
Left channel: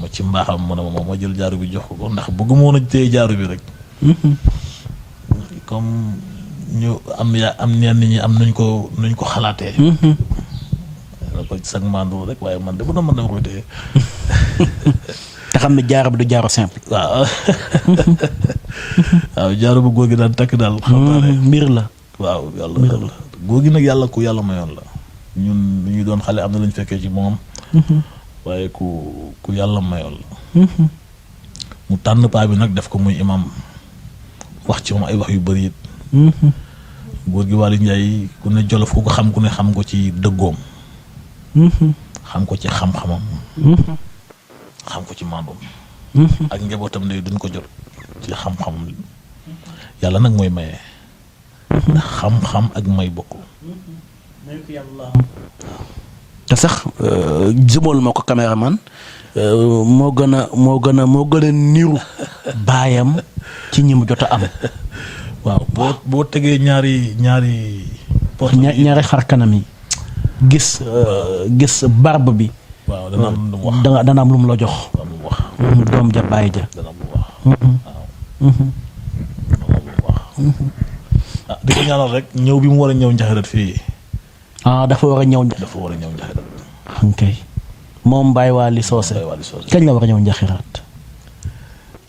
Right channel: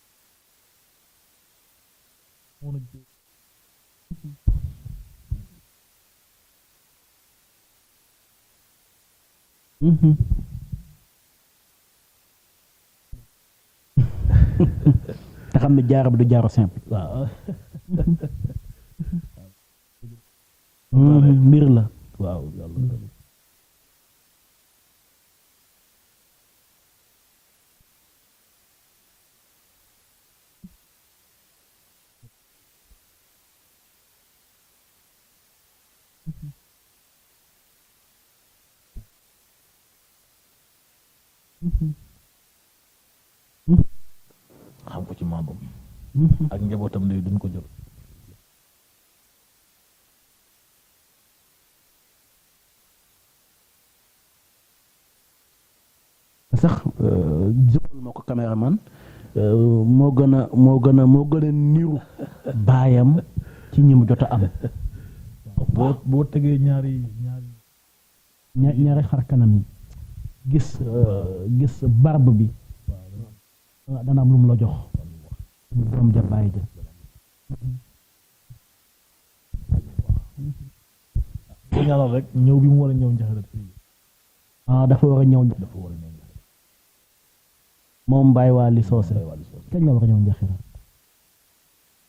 ma ci mbaaxam ma ne ma jël jaaru bi jox ko ndax bëgguma woon a téye jaaru bi rek comme ñu am ñenn ñi am nuñ ko xalaatee la ko sag mandu rek waaye man de bu doon man dama koy téye te xam ne jaaru bi du jaaru simple waaw waaw jaaru bu góor gi daan takk daal xam naa ne mbir la waaw yàlla góor gi nag yàlla ku yàlla mayoon la ñun lu ñu doon xale am na lañ fekkee ci moom waaye ku yàlla mayoon la mu tànn paa bi nag def ko muy imam wax ci moom ay wax yu bëri it góor gi Waly Ndiaye ku ne Jolof ku ko xam ku ne xam ko ci dëggoom xam ko ci xam-xamam xam ko ci maandoom ak njabootam ne duñ ko jot ci xam-xam yàlla nag mooy maye ndax xam-xam ak may bokk te sax jëmal ma ko caméraman moo gën a niru baayam ci ñi mu jot a am. waaw boo tegee ñaari porte ñaari xar kanam yi gis barbe bi. waaw dana am lu mu wax dana am lu mu la jox. dana am lu mu wax. doom ja baay ja. dana am lu mu wax. waaw. dana am lu mu wax. di ko ñaanal rek ñëw bi mu war a ñëw njaxarat fii. dafa war a ñëw. dafa war a ñëw njaxarat. ok moom Baye Waly Socé. Baye Waly Socé kañ la war a ñëw njaxiraat.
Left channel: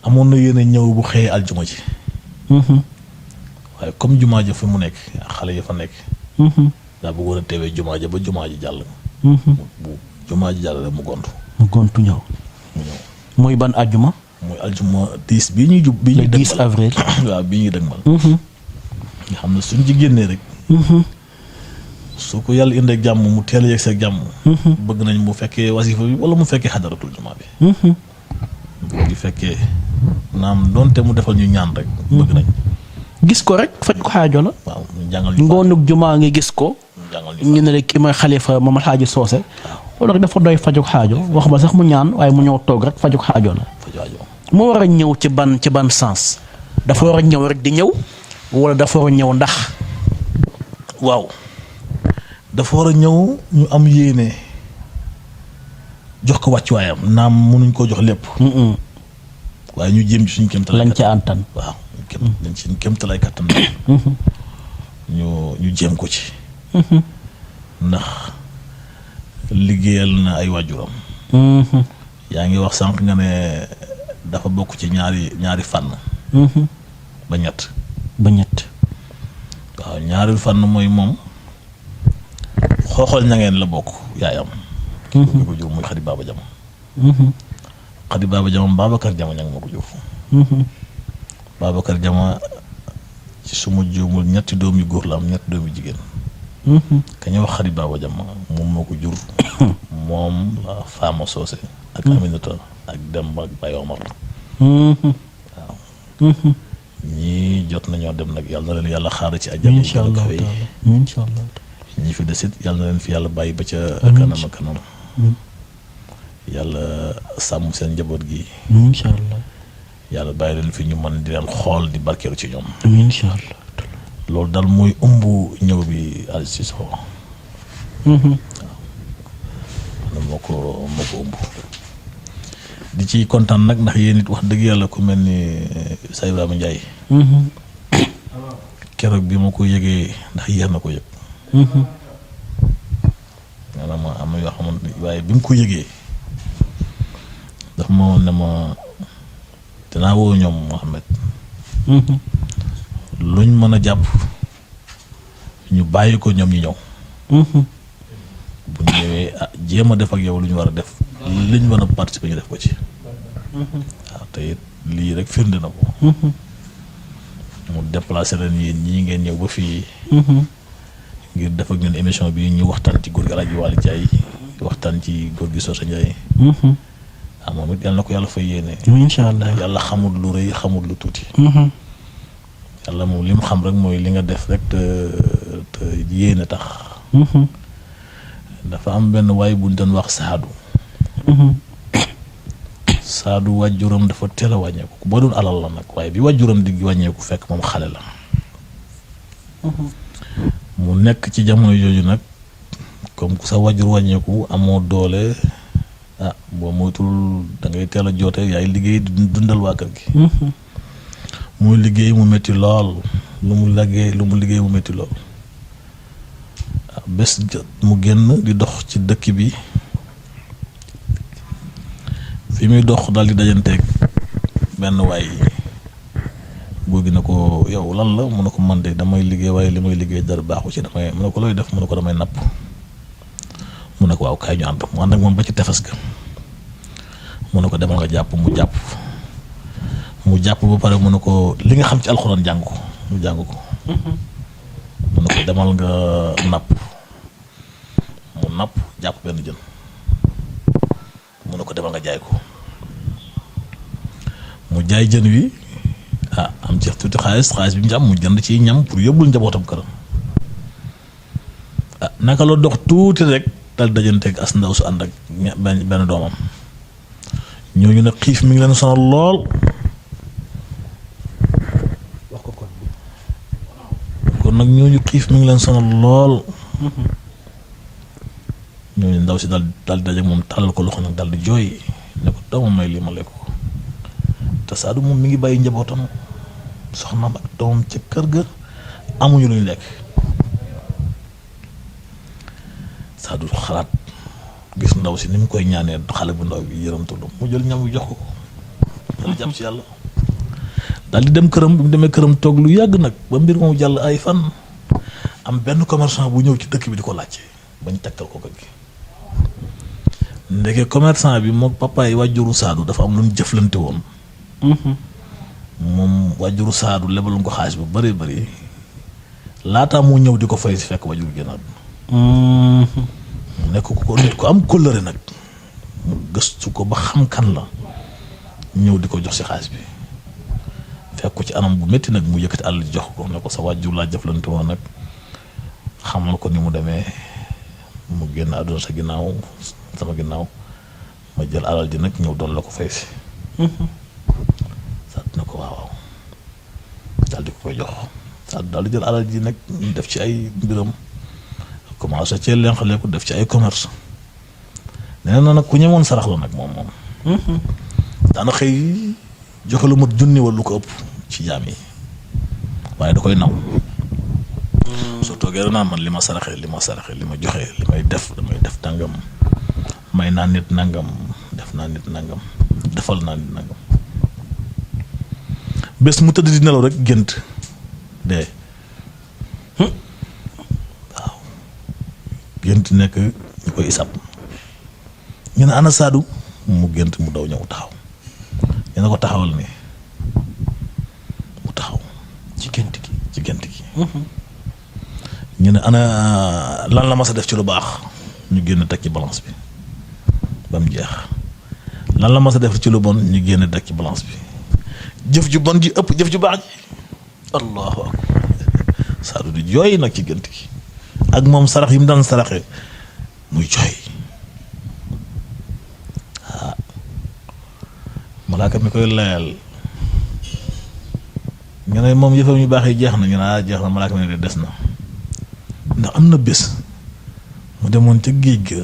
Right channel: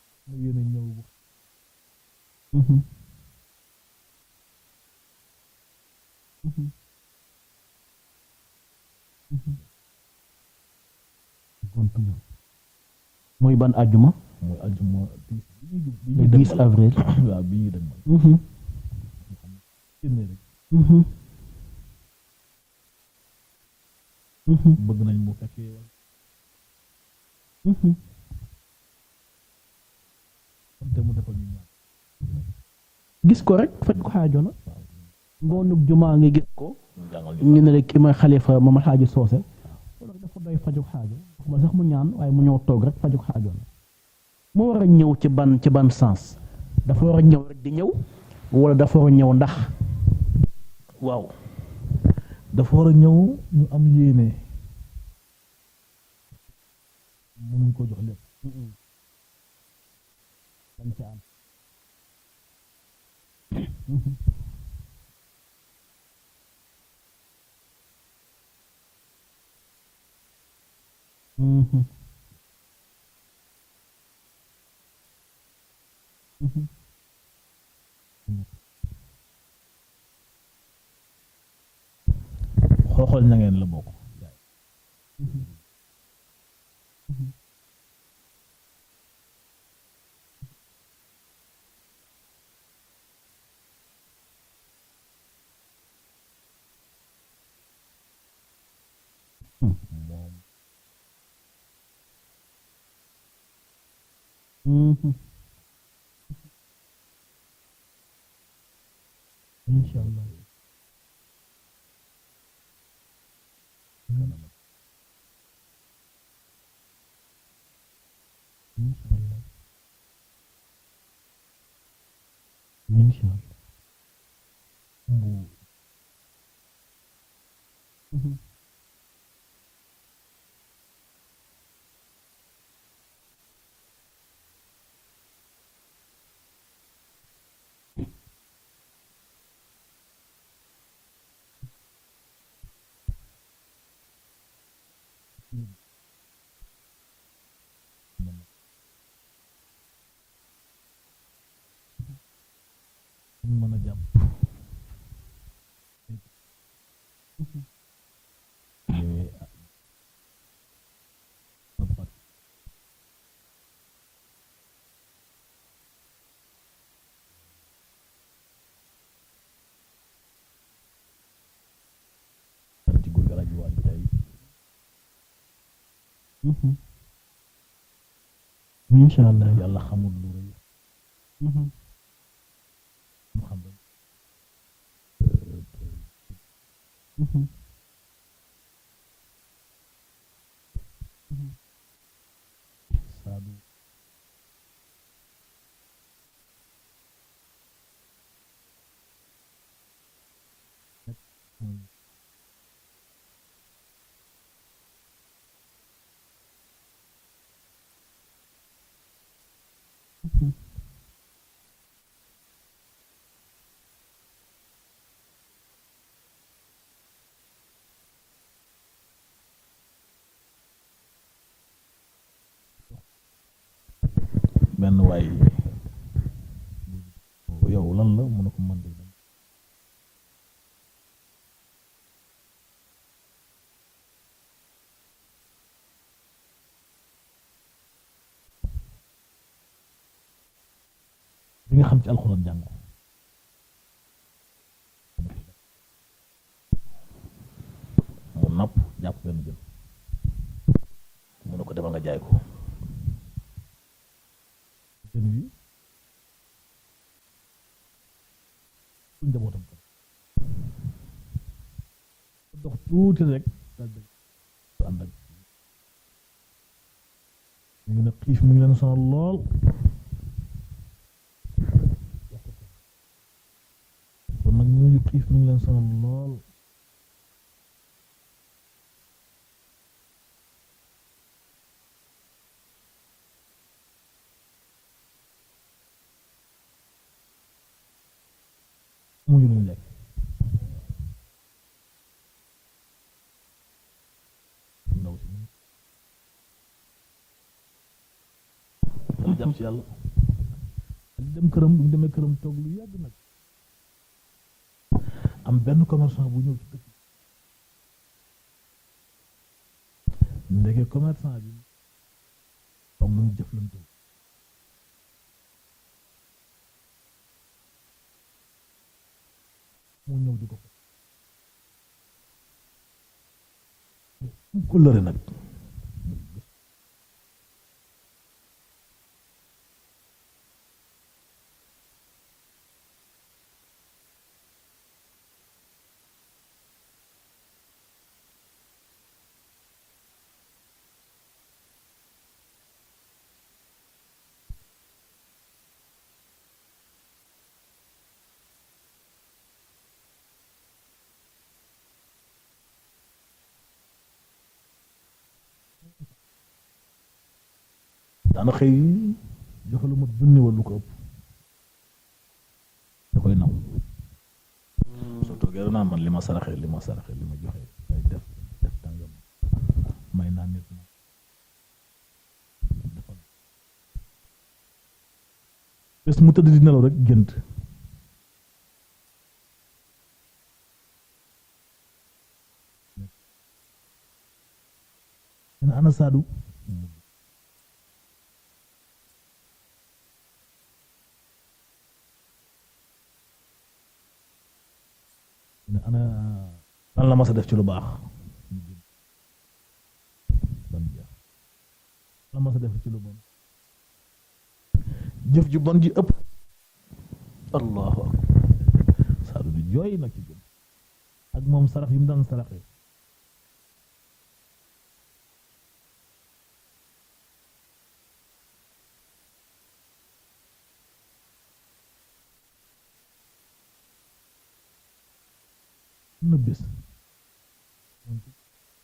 amoon na yéene ñëw bu xëyee aljuma ji. waaye comme jumaa ja fi mu nekk xale ya fa nekk. daa bëggoon a teewee jumaa ja ba jumaa ji jàll. bu jumaa ji jàll rek mu gontu. mu gontu ñëw. mu ñëw. muy ban àjjuma. muy aljuma 10 bii ñuy jub. bii ñuy le 10 avril. waaw bii ñuy dëgmal. nga xam ne suñ ci génnee rek. su ko yàlla indee jàmm mu teel a yegg seeg jàmm. bëgg nañ mu fekkee wasifa bi wala mu fekkee xadaratul jumaa bi. bu fekkee naam doonte mu defal ñu ñaan rek. bëgg nañ. gis ko rek faj ko xaajo la. waaw ñu jàngal ñu. ngoonug jumaa ngi gis ko. ñu ne rek ki mooy xalifa moom Alxaaji Socé. loolu rek dafa doy fajug xaajo wax ba sax mu ñaan waaye mu ñëw toog rek fajug xaajo la. mu war a ñëw ci ban sens. dafa war a ñëw rek di ñëw. wala dafa war a ñëw ndax. waaw dafa war a ñëw ñu am yéene jox ko wàccuwaayam naam mënuñ koo jox lépp. waaye ñu jéem ci suñu kéemtalaay lañ ca antan. waaw dañ ci kéemtalaay kattan. ñu jéem ko ci. ndax liggéeyal na ay waajuram. yaa ngi wax sànq nga ne dafa bokk ci ñaari fànn. ba ñett. waaw ñaari fànn mooy moom xooxal ña ngeen la bokk yaayam. kii ko jur muy Xadi Baaba Jama. Xadi Baaba Jama Babacar Jama ña nga ma ko jur. Babacar Jama ci suma juumul ñetti doom yu góor la am ñetti doom yu jigéen. ka ñu wax Xadi Baaba Jama moom moo ko jur. moom la Faama Socé ak Aminata ak Demba ak Baye Omar. waaw. ñii jot nañoo dem nag yàlla na leen yàlla xaar ci àjjana. incha allah incha allah. ñi fi desit yàlla na leen fi yàlla bàyyi ba ca kanam ak kanam. yàlla sàmm seen njaboot gi. incha allah. yàlla bàyyi leen fi ñu mën di leen xool di barkeelu ci ñoom. incha allah. loolu daal mooy ëmb ñëw bi Aziz Cissokho. waaw moo ko ëmb. di ci kontaan nag ndax yéen it wax dëgg yàlla ku mel ni Sa Ibrahima Ndiaye. keroog bi ma ko yëgee ndax yéex na ko yëg. maanaam am na yoo xamante ni waaye bi mu ko yëgee daf ma woon ne ma dinaa woo ñoom Mouhamed. luñ mën a jàpp ñu bàyyi ko ñoom ñi ñëw. bu ñëwee jéem a def ak yow lu ñu war a def liñ mën a participer ñu def ko ci. waaw te it lii rek firnde na ko. mu déplacé leen yéen ñii ngeen ñëw ba fii. ngir def ak ñun émission bi ñu waxtaan ci góor gi Alaaji Waly Ndiaye waxtaan ci góor gi Socé Ndiaye. moom it yal na ko yàlla fay yéene. incha allah yàlla xamul lu rëy xamul lu tuuti. yàlla moom li mu xam rek mooy li nga def rek te yéene tax. dafa am benn waay bu ñu doon wax Saadu. Saadu wàjjuram dafa teel a wàññeeku ku ba doon alal la nag waaye bi wàjjuram di wàññeeku fekk moom xale la. mu nekk ci jamono jooju nag comme ku sa wàjjur wàññeeku amoo doole boo moytul da ngay teel a joote yaay liggéey dundal waa kër gi. muy liggéey mu métti lool lu mu liggéey mu métti lool. bés mu génn di dox ci dëkk bi fi muy dox daal di dajanteeg benn waay góor gi ne ko yow lan la mu ne ko man de damay liggéey waaye li may liggéey dara baaxu ci damay mu ne ko looy def mu ne ko damay napp mu ne ko waaw kaay ñu ànd mu ànd ak moom ba ci tefes ga mu ne ko demal nga jàpp mu jàpp ba pare mu ne ko li nga xam ci alxuraan jàng ko mu jàng ko mu ne ko demal nga napp mu napp jàpp benn jën mu ne ko demal nga jaay ko mu jaay jën wi am ci tuuti xaalis bi mu ci am mu jënd ci ñam pour yóbbul njabootam këram naka la dox tuuti rek dal dajanteeg as ndaw su ànd ak benn doomam ñooñu nag xiif mi ngi leen sonal lool ñooñu xiif mi ngi leen sonal lool. ñooñu ndaw si daal di daje moom tàllal ko loxo nag daal di jooy ne ko doomam may lii ma lekk ko te Saadu moom mi ngi bàyyi njabootam soxnaam ak doomam ca kër ga amuñu lu ñu lekk. Saadu xalaat gis ndaw si ni mu koy ñaanee xale bu ndaw bi yërëmtalu mu jël ñam wi jox ko daal di jàpp si yàlla daal di dem këram bi mu demee këram toog lu yàgg nag ba mbir moomu jàll ay fan am benn commerçant bu ñëw ci dëkk bi di ko laajte bañ tegtal ko kër gi ndeke commerçant bi moom papa yi wàjjuru Saadu dafa am lu ñu jëflante woon. moom wàjjuru Saadu lebal ko xaalis bu bëree bëri laataa moo ñëw di ko fay si fekk wàjjuru génnaat. nekk ko nit ko am kóllëre nag mu gëstu ko ba xam kan la ñëw di ko jox si xaalis bi fekk ko ci anam bu métti nag mu yëkkati àll jox ko ne ko sa wàjjur laa jëflante woon nag xamal ko ni mu demee mu génn àdduna sa ginnaaw sama ginnaaw ma jël alal ji nag ñëw doon la ko fay si. Saadu na ko waaw daal di ko koy jox Saadu daal di jël alal ji nag def ci ay mbiram. commencé cee lenqale ko def ci ay commerce nee na nag ku ñemoon sarax la nag moom. daana xëy joxe lu mat junni wala lu ko ëpp ci jaam yi waaye da koy naw. soo toogee rek naan man li ma saraxee li ma joxe li may def damay def nangam may naa nit nangam def naa nit nangam defal naa nit nangam bés mu tëdd di nelaw rek gént dee. gént nekk ñu koy isab ñu ne ana Saadu mu gént mu daw ñëw taxaw ñu ne ko taxawal ni mu taxaw ci gént gi ñu ne ana lan la mas a def ci lu baax ñu génn teg ci balance bi ba mu jeex lan la mas a def ci lu bon ñu génn teg ci balance bi jëf ju bon ji ëpp jëf ju baax ji allahu akbar Saadu di jooy nag ci gént gi ak moom sarax yi mu daan saraxe muy jooy malaaka mi koy layal ñu ne moom yëfam yu baax yi jeex na ñu ne jeex na malaaka mi ne des na ndax am na bés mu demoon ca géej ga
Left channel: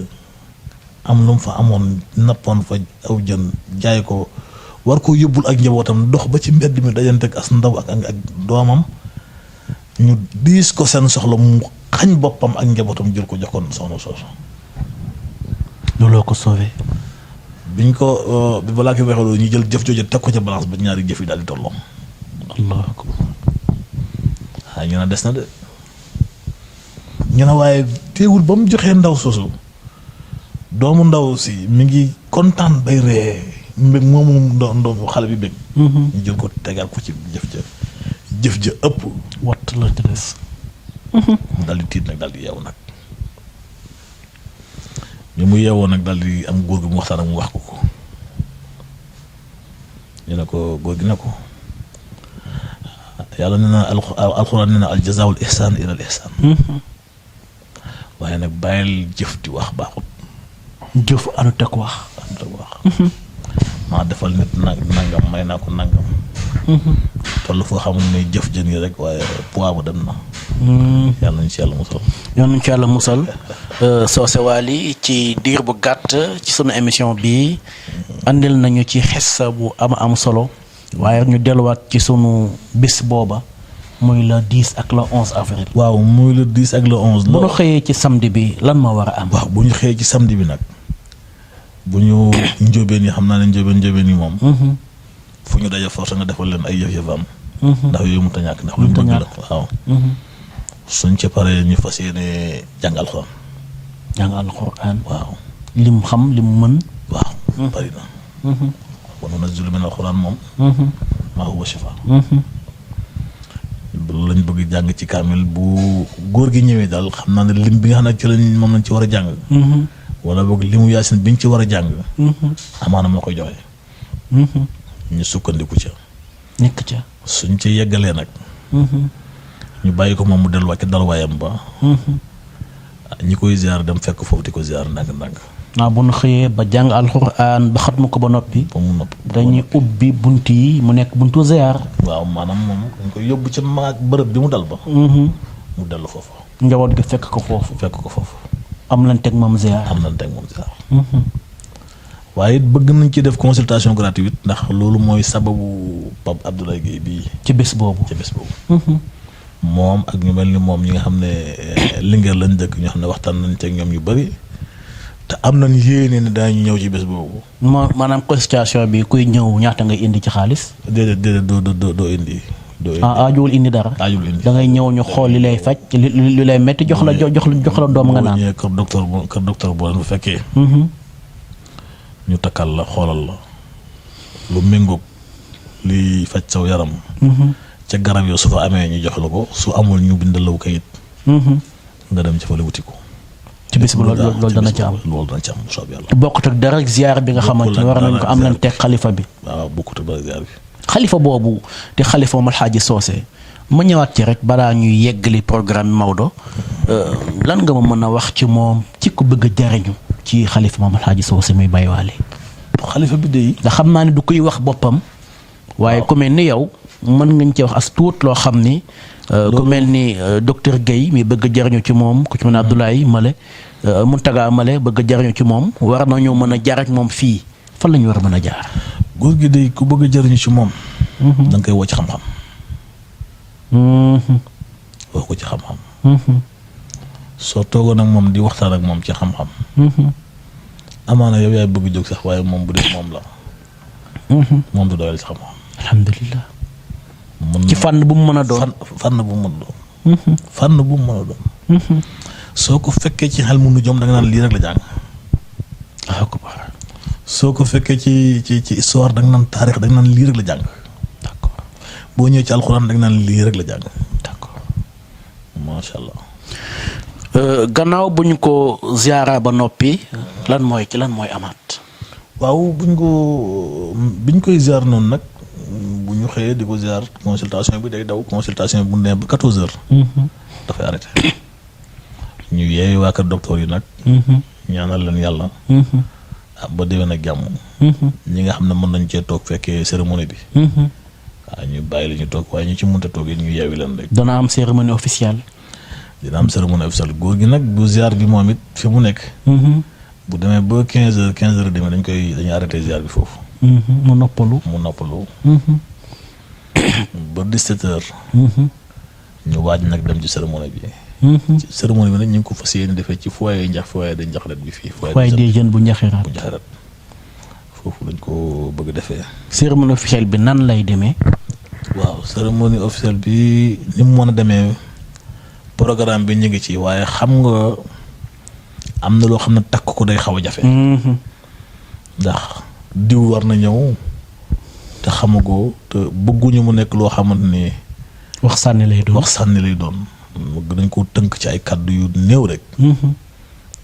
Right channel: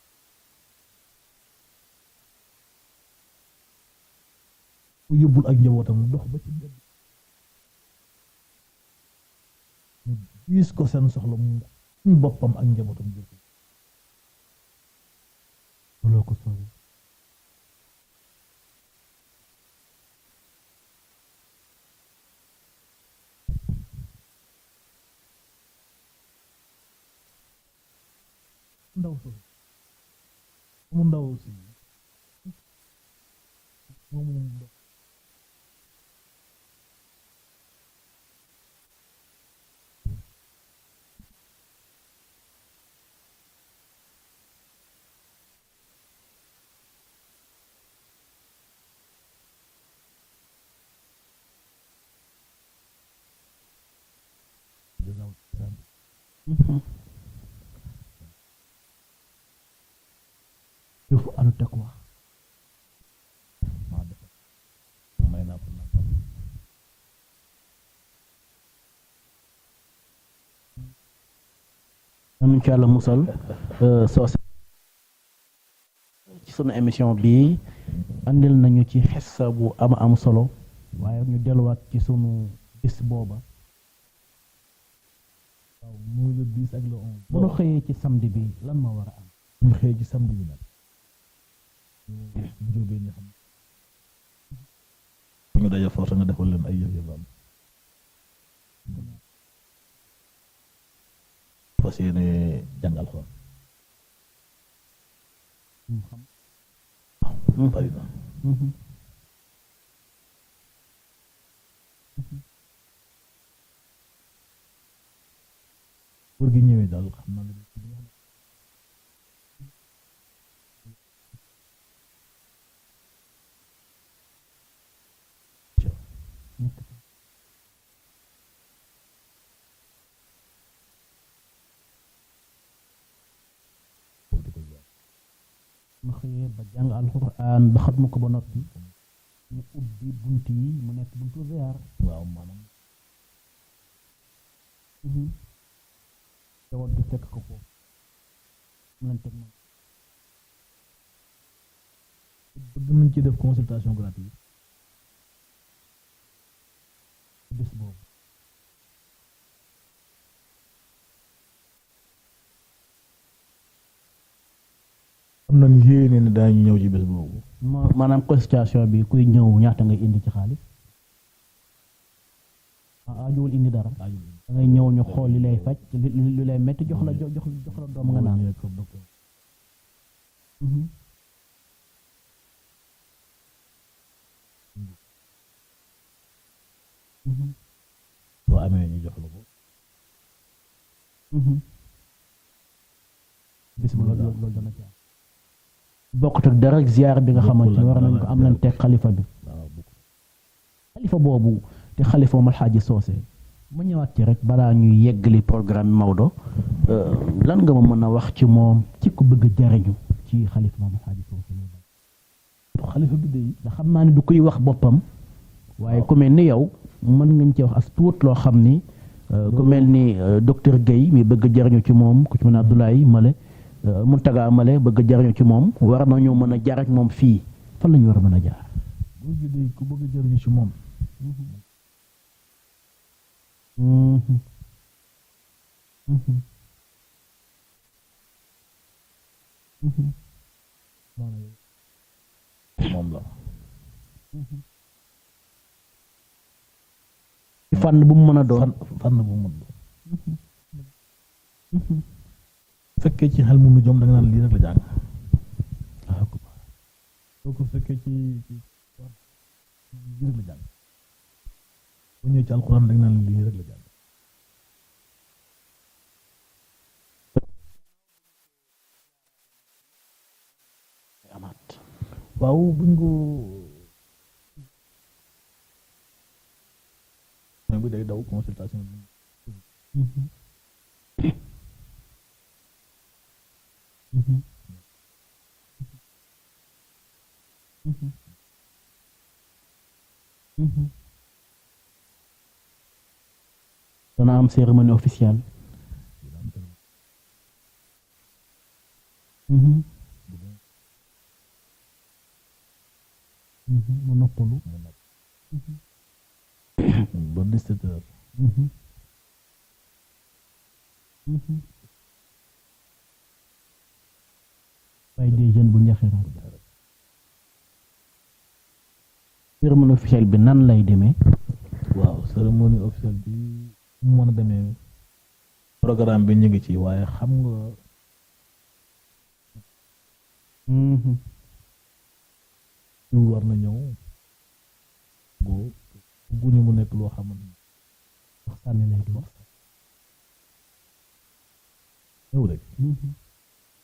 am lu mu fa amoon nappoon fa aw jën jaay ko war ko yóbbul ak njabootam dox ba ci mbedd mi dajante ak as ndaw ak doomam ñu diis ko seen soxla mu xañ boppam ak njabootam jël ko jox ko soxna soosu. looloo ko sauvé. biñ ko bi balaa ko waxee ñu jël jëf jooju teg ko ca balance ba ñaari jëf yi daal di tolloo. allahu akbar. waaye ñu ne des na de ñu ne waaye teewul ba mu joxee ndaw soosu doomu ndaw si mi ngi kontaan bay ree mbég moomu ndoom xale bi bég. ñu jël ko tegaat ko ci jëf ja ëpp. watt la ci des. daal di tiit nag daal di yeewu nag bi mu yeewoo nag daal di am góor gi mu waxtaan ak mu wax ko ñu ne ko góor gi ne ko yàlla nee na alxuraan nee na al jazaa'ul ihsaan ilal ihsaan waaye nag bàyyil jëf di wax baaxut. jëf anut ak wax. maa defal nit nangam may naa ko nangam. toll foo xamul ne jëf jën yi rek waaye poids ba dem na. yàlla nañu ci yàlla musal. yàlla nañu ci yàlla musal. Socé Waly ci diir bu gàtt ci sunu émission bii andil nañu ci xissa bu am solo waaye ñu delluwaat ci sunu bis booba muy le 10 ak le 11 avril. waaw muy le 10 ak le 11. bu ñu xëyee ci samedi bi lan moo war a am. waaw bu ñu xëyee ci samedi bi nag bu ñu njóobeen yi xam naa ne njóobeen yi moom. fu ñu daje force nga defal leen ay yëf-yëfam. ndax yooyu mënut a ñàkk ndax lu bëgg la waaw. suñ ca paree ñu fas yéene jàng alxuraan. jàng alxuraan. waaw lim xam lim mën. waaw bari na. wa nunazzilu min alxuraan moom. maa huwa shifaa. loolu lañ bëgg jàng ci kaamil bu góor gi ñëwee daal xam naa ne lim bi nga xam ne ci lañ moom lañ ci war a jàng. wala boog limu yaasin biñ ci war a jàng. amaana moo koy joxe. ñu sukkandiku ca. nekk ca. suñ ci yeggalee nag. ñu bàyyi ko moom mu delluwaat ci dalwaayam ba. ñi koy ziar dem fekk foofu di ko ziar ndànk-ndànk. waaw bu ñu xëyee ba jàng alxuraan ba xatmu ko ba noppi. ba mu noppi dañuy ubbi bunt yi mu nekk buntu ziar. waaw maanaam moom dañ koy yóbbu ca bërëb bi mu dal ba. mu dellu foofu. njaboot gi fekk ko foofu. am nañ teg moom ziar. waaye it bëgg nañ ci def consultation gratuite ndax loolu mooy sababu Pape Abdoulaye Guèye bii. ci bés boobu. moom ak ñu mel ni moom ñi nga xam ne Linguère lañ dëkk ñoo xam ne waxtaan nañ ci ak ñoom yu bari te am nañ yéene ne daañu ñëw ci bés boobu. maanaam consultation bi kuy ñëw ñaata ngay indi ci xaalis. déedéet doo indi. aajuwul indi dara. da ngay ñëw ñu xool li lay faj li lay metti jox la doom nga naan. kër docteur boo leen bu fekkee. ñu takkal la xoolal la lu méngoog liy faj saw yaram. ca garab yoo su fa amee ñu jox la ko su amul ñu bindal la kayit. nga dem ci fa la wuti ko. ci bis bu loolu dana ci am. loolu dana ci am soob yàlla. bokkut ak dara ziar bi nga xamante ne war nañ ko am nañ teg xalifa bi. waaw bokkut ak dara ziar bi. xalifa boobu te xalifa Maam Alxaaji Soose ma ñëwaat ci rek balaa ñuy yeggali programme Maodo lan nga ma mën a wax ci moom ci ku bëgg a jariñu ci xalifa Maam Alxaaji Soose muy Baye Waly. xalifa bi de. nga xam naa ne du koy wax boppam. waaye ku mel ni yow mën ngañ ci wax as tuut loo xam ni. ku mel ni docteur Guèye mi bëgg a jariñu ci moom ku ci mel ne Abdoulaye Male Muntaga Male bëgg a jariñu ci moom war nañoo mën a jaar ak moom fii fan la ñu war a mën a jaar. góor gi de ku bëgg a jariñu ci moom. da nga koy woo ci xam-xam. woo ko ci xam-xam. soo toogoon ak moom di waxtaan ak moom ci xam-xam. amaana yow yaay bëgg jóg sax waaye moom bu dee moom la. moom du doyal ci xam-xam. alhamdulilah. ci fànn bu mu mën a doon. fànn bu mu mën a doon. fànn bu mu mën a doon. soo ko fekkee ci xel mu nu jom da nga naan lii rek la jàng. soo ko fekkee ci histoire da nga naan taarix da nga naan lii rek la jàng. d'accord boo ñëwee ci alxuraan da nga naan lii rek la jàng. d'accord macha allah. gannaaw bu ñu ko ziara ba noppi lan mooy amaat. waaw biñ koy ziar noonu nag bu ñu xëyee di ko ziar consultation bi day daw consultation bi bu nee ba 14h. dafay arrêté. ñu yeewi waa kër docteur yi nag. ñaanal leen yàlla. ba déwén ak jàmm. ñi nga xam ne mën nañ cee toog fekkee cérémonie bi. waaw ñu bàyyi la ñu toog waaye ñu ci mënta toog it ñu yeewi leen rek. dana am cérémonie officielle. dina am cérémonie officielle góor gi nag bu ziar bi moom it fi mu nekk. bu demee ba 15h demee dañuy arrêté ziar bi foofu. mu noppalu. ba 17h. ñu waaj nag dem ci cérémonie bi. ci cérémonie bi nag ñu ngi ko fas yéene defee ci foyer de Njaxarat bi fii. foyer des jeunes bu Njaxarat. foofu lañ ko bëgg defee. cérémonie officielle bi nan lay demee. waaw cérémonie officielle bi ni mu mën a demee programme bi ñu ngi ci waaye xam nga am na loo xam ne takk ko day xaw a jafe. ndax diw war na ñëw te xamagoo te bëgguñu mu nekk loo xamante ni. wax sànni lay doon. dañ ko tënk ci ay kàddu yu néew rek.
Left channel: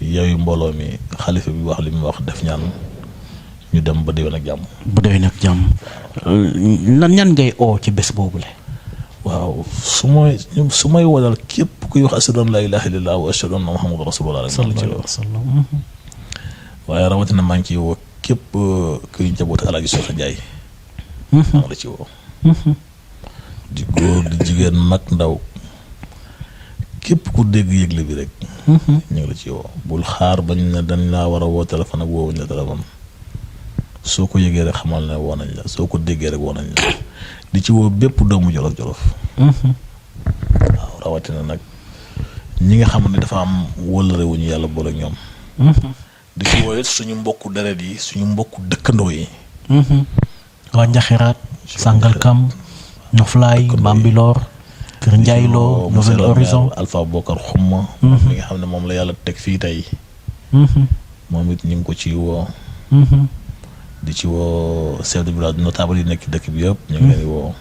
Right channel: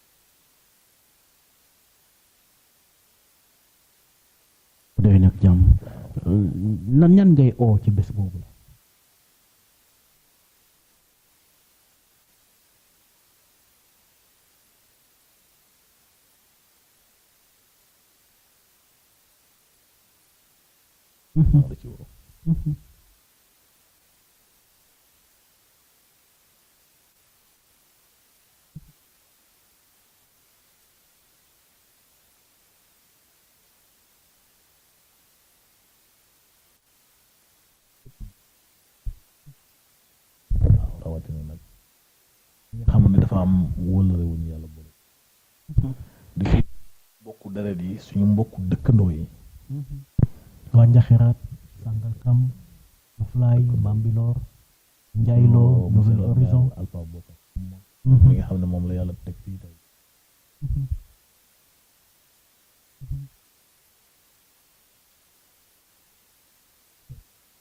yooyu mbooloo mi xalifa bi wax li mu wax def ñaan ñu dem ba déwén ak jàmm. lan ñan ngay oo ci bés boobu la. waaw su may wodal képp kuy wax ashhadu an laa ilaaha illallaah wa ashhadu anna muhammadan rasulullah waaye rawatina maa ngi ciy woo képp kuy njabootu Alaaji Soose Njaay maa la ci woo. di góor di jigéen mag ndaw képp ku dégg yëgle bi rek. ñu ngi la ci woo bul xaar bañ ne dañ laa war a woo téléphone ak woowuñ la téléphone soo ko yëgee rek xamal ne woo nañ la soo ko déggee rek woo nañ la di ci woo bépp doomu jolof-jolof. waaw rawatina nag ñi nga xam ne dafa am wëllëre wu ñu yàlla boole ak ñoom. di ci woo it suñu mbokku deret yi suñu mbokku dëkkandoo yi. waa Njaxiraat Sangalkam Noflaay Bambilor Kër Njaayloo Nouvel Horizon Alpha Bokar Xumma mi nga xam ne moom la yàlla teg fii tey. moom it ñu ngi ko ci woo. di ci woo chef de village notable yi nekk dëkk bi yëpp ñu ngi leen di woo.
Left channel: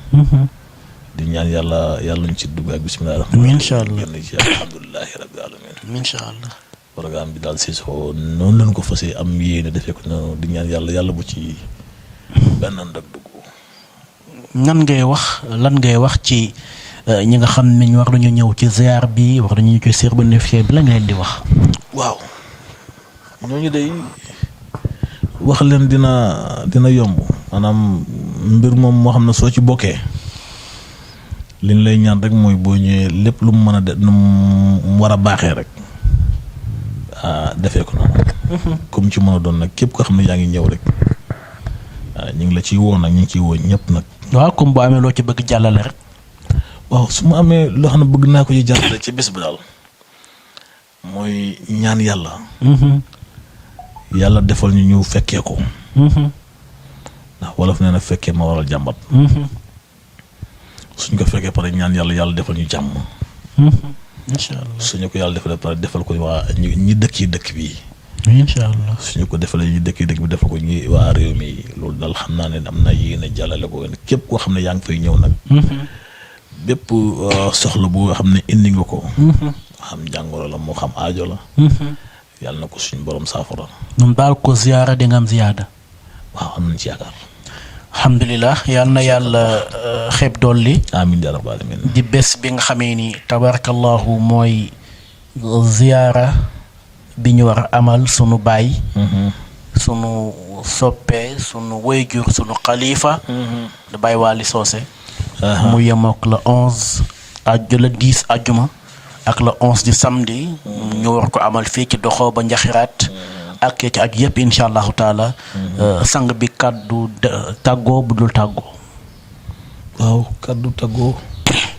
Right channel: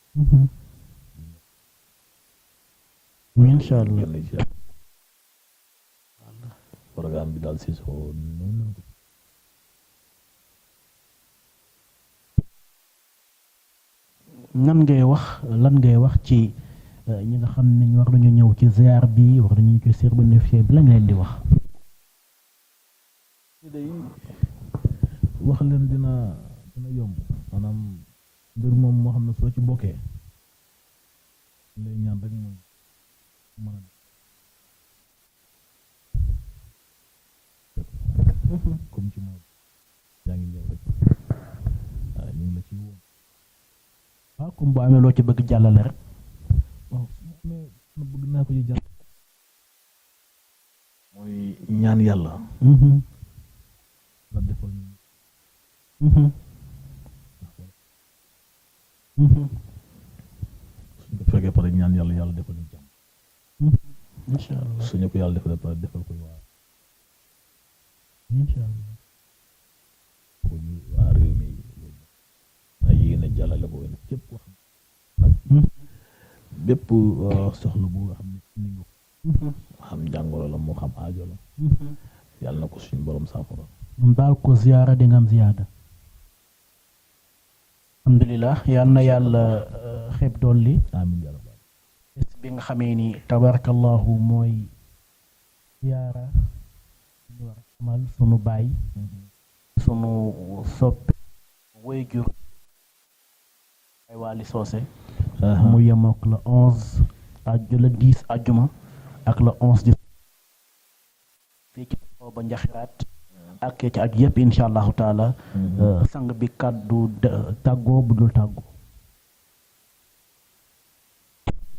di ñaan yàlla ñu ci dugg ak bismillah. incha allah génn ci alhamdulilahi rabbil alamin. incha allah. programme bi daal Cissokho noonu lañ ko fas am yéene defee ko noonu di ñaan yàlla bu ci benn ndag dugg. lan ngay wax ci ñi nga xam ne ñu war nañu ñëw ci ziar bi wax nañu ñëw ci cérémonie officielle bi la nga leen di wax. waaw ñooñu day wax leen dina yomb maanaam mbir moom moo xam ne soo ci bokkee liñ lay ñaan rek mooy boo ñëwee lépp lu mu mën a de nu mu war a baaxee rek defee ko noonu. comme ci mën a doon nag képp koo xam ne yaa ngi ñëw rek ñu ngi la ciy woo nag ñu ngi ciy woo ñëpp nag. waaw comme boo amee loo ci bëgg jàllale rek. waaw su ma amee loo xam ne bëgg naa ko ci jàllale ci bés bi daal mooy ñaan yàlla. yàlla defal ñu fekkee ko. ndax wolof nee na fekkee ma waral jàmbat. suñ ko fekkee pare ñaan yàlla defal ñu jàmm. incha allah suñu ko yàlla defalee pare defal ko waa ñi dëkk yi dëkk bi. incha allah suñu ko defalee ñi dëkk yi dëkk bi defal ko ñi waa réew mi loolu daal xam naa ne am na yéene jàllale ko képp koo xam ne yaa ngi fay ñëw nag. bépp soxla bu xam ne indi nga ko. moo xam jàngoro la moo xam aajo la. yàlla na ko suñu borom saafara. ñun daal ko ziyaara di nga am ziyaada. waaw am nañ ci yaakaar. alhamdulilah yal na yàlla xeeb dolli. amiin yaa rabbal aalamiin. di bés bi nga xamee ni tabarakallahu mooy ziyaara bi ñu war a amal sunu baay. sunu soppe sunu wayjur sunu xalifa. da Baay Waly Socé. mu yemook la 11 le 10 ajjuma ak le 11 di samedi. ñu war ko amal fii ci doxoo ba njaxiraat. ak ci ak yëpp incha allahu taala. sang bi kàddu tàggoo bu dul tàggoo. waaw kàddu tàggoo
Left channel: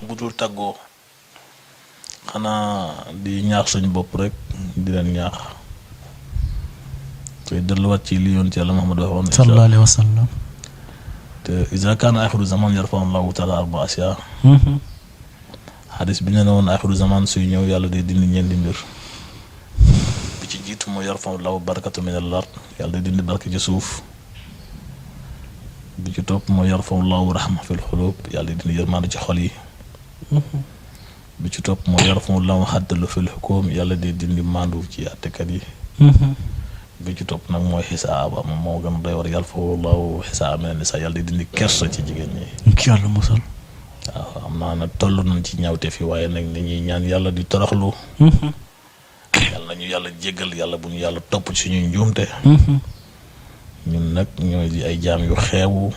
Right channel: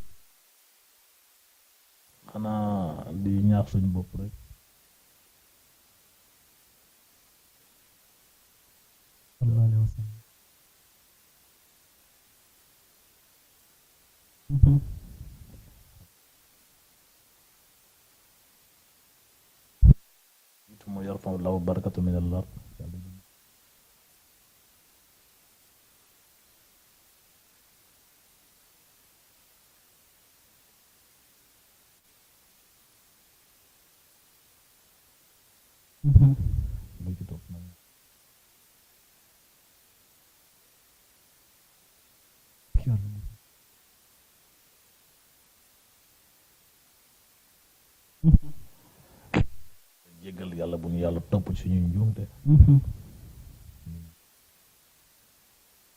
bu dul tàggoo xanaa di ñaax suñu bopp rek di leen ñaax te delluwaat ci li yonent Yàlla Muhammad waxoon sallallahu alayhi wa sallam. te iza kaana axiru zaman yarfa'u Allahu taala arba'a ashyaa. xadis bi ñu ne woon axiru zaman suy ñëw yàlla day dindi ñeenti mbir. bi ci jiitu mooy yarfa'u Allahu barakata min al-ard yàlla day dindi barke ci suuf. bi ci topp mooy yarfa'u Allahu rahma fil xulub yàlla day dindi yërmande ci xol yi. bi ci topp mooy yarfa'u Allahu xaddalu fil xukum yàlla day dindi maandu ci àttekat yi. bi ci topp nag mooy xisaaba moom moo gën a doy war yarfa'u Allahu xisaaba mina nisaa yàlla day dindi kersa ci jigéen ñi. incha allah musal. waaw am naa nag toll nañ ci ñaawte fi waaye nag nañuy ñaan yàlla di toroxlu. yàlla nañu yàlla jéggal yàlla bu ñu yàlla topp ci suñuy njuumte. ñun nag ñooy di ay jaam yu xeebu.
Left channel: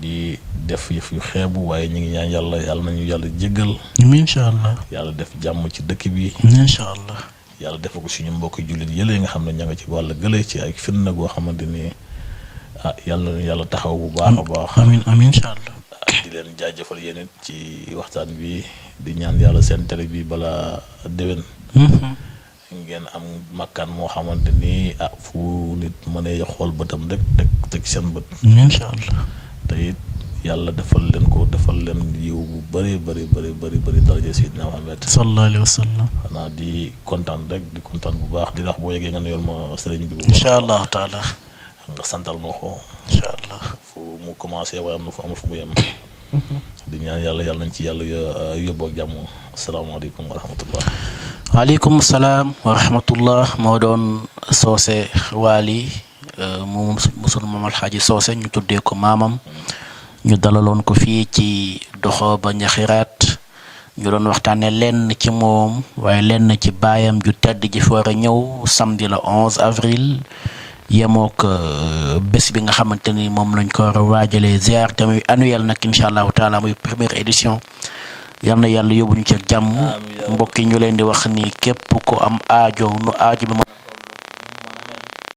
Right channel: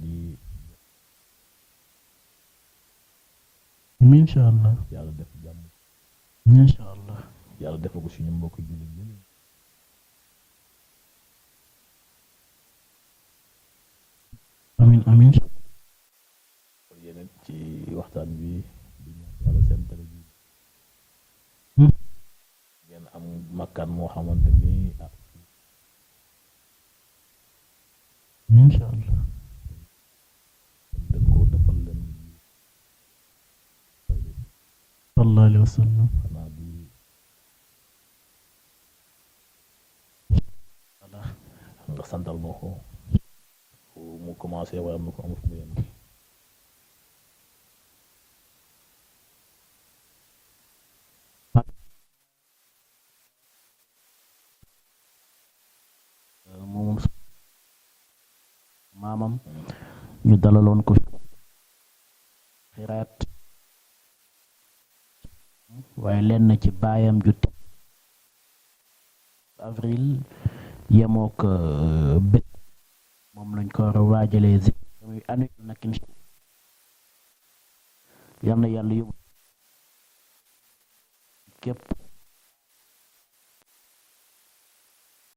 di def yëf yu xeebu waaye ñu ngi ñaan yàlla nañu yàlla jéggal. incha allah. yàlla def jàmm ci dëkk bi. incha allah. yàlla def ko suñu mbokki jullit yële nga xam ne ña nga ci wàll gële ci ay fitna goo xamante ni yàlla taxaw bu baax a baax. amiin incha allah. di leen jaajëfal yéen it ci waxtaan bi di ñaan yàlla seen télé bi balaa déwén. ngeen am makkaan moo xamante ni fu nit mënee xool bëtam rek teg seen bët. incha allah. te it yàlla defal leen yiw bu bëri daraja Seydina Muhammad sallallahu alayhi wa sallam. xanaa di kontaan bu baax di wax boo yeggee nga nuyool ma sëriñ bi. incha allahu taala. nga santal ma ko. incha allah. fu mu commencé waaye am na fu mu yem. di ñaan yàlla nañ ci yàlla yóbboo ak jàmm. asalaamaaleykum wa rahmatullah. waaleykum salaam wa rahmatullah. moo doon Socé Waly moom sunu maam Alxaaji Socé ñu tuddee ko maamam. ñu dalaloon ko fii ci doxo ba njaxiraat ñu doon waxtaane lenn ci moom waaye lenn ci baayam ju tedd ji fi war a ñëw samedi le 11 avril yemook bés bi nga xamante ni moom lañ ko war a waajalee ziar te muy annuel nag incha allahu taala muy première édition. yal na yàlla yóbbu ñu ci jàmm. mbokk yi ñu leen di wax ni képp ku am aajo nu aajo bi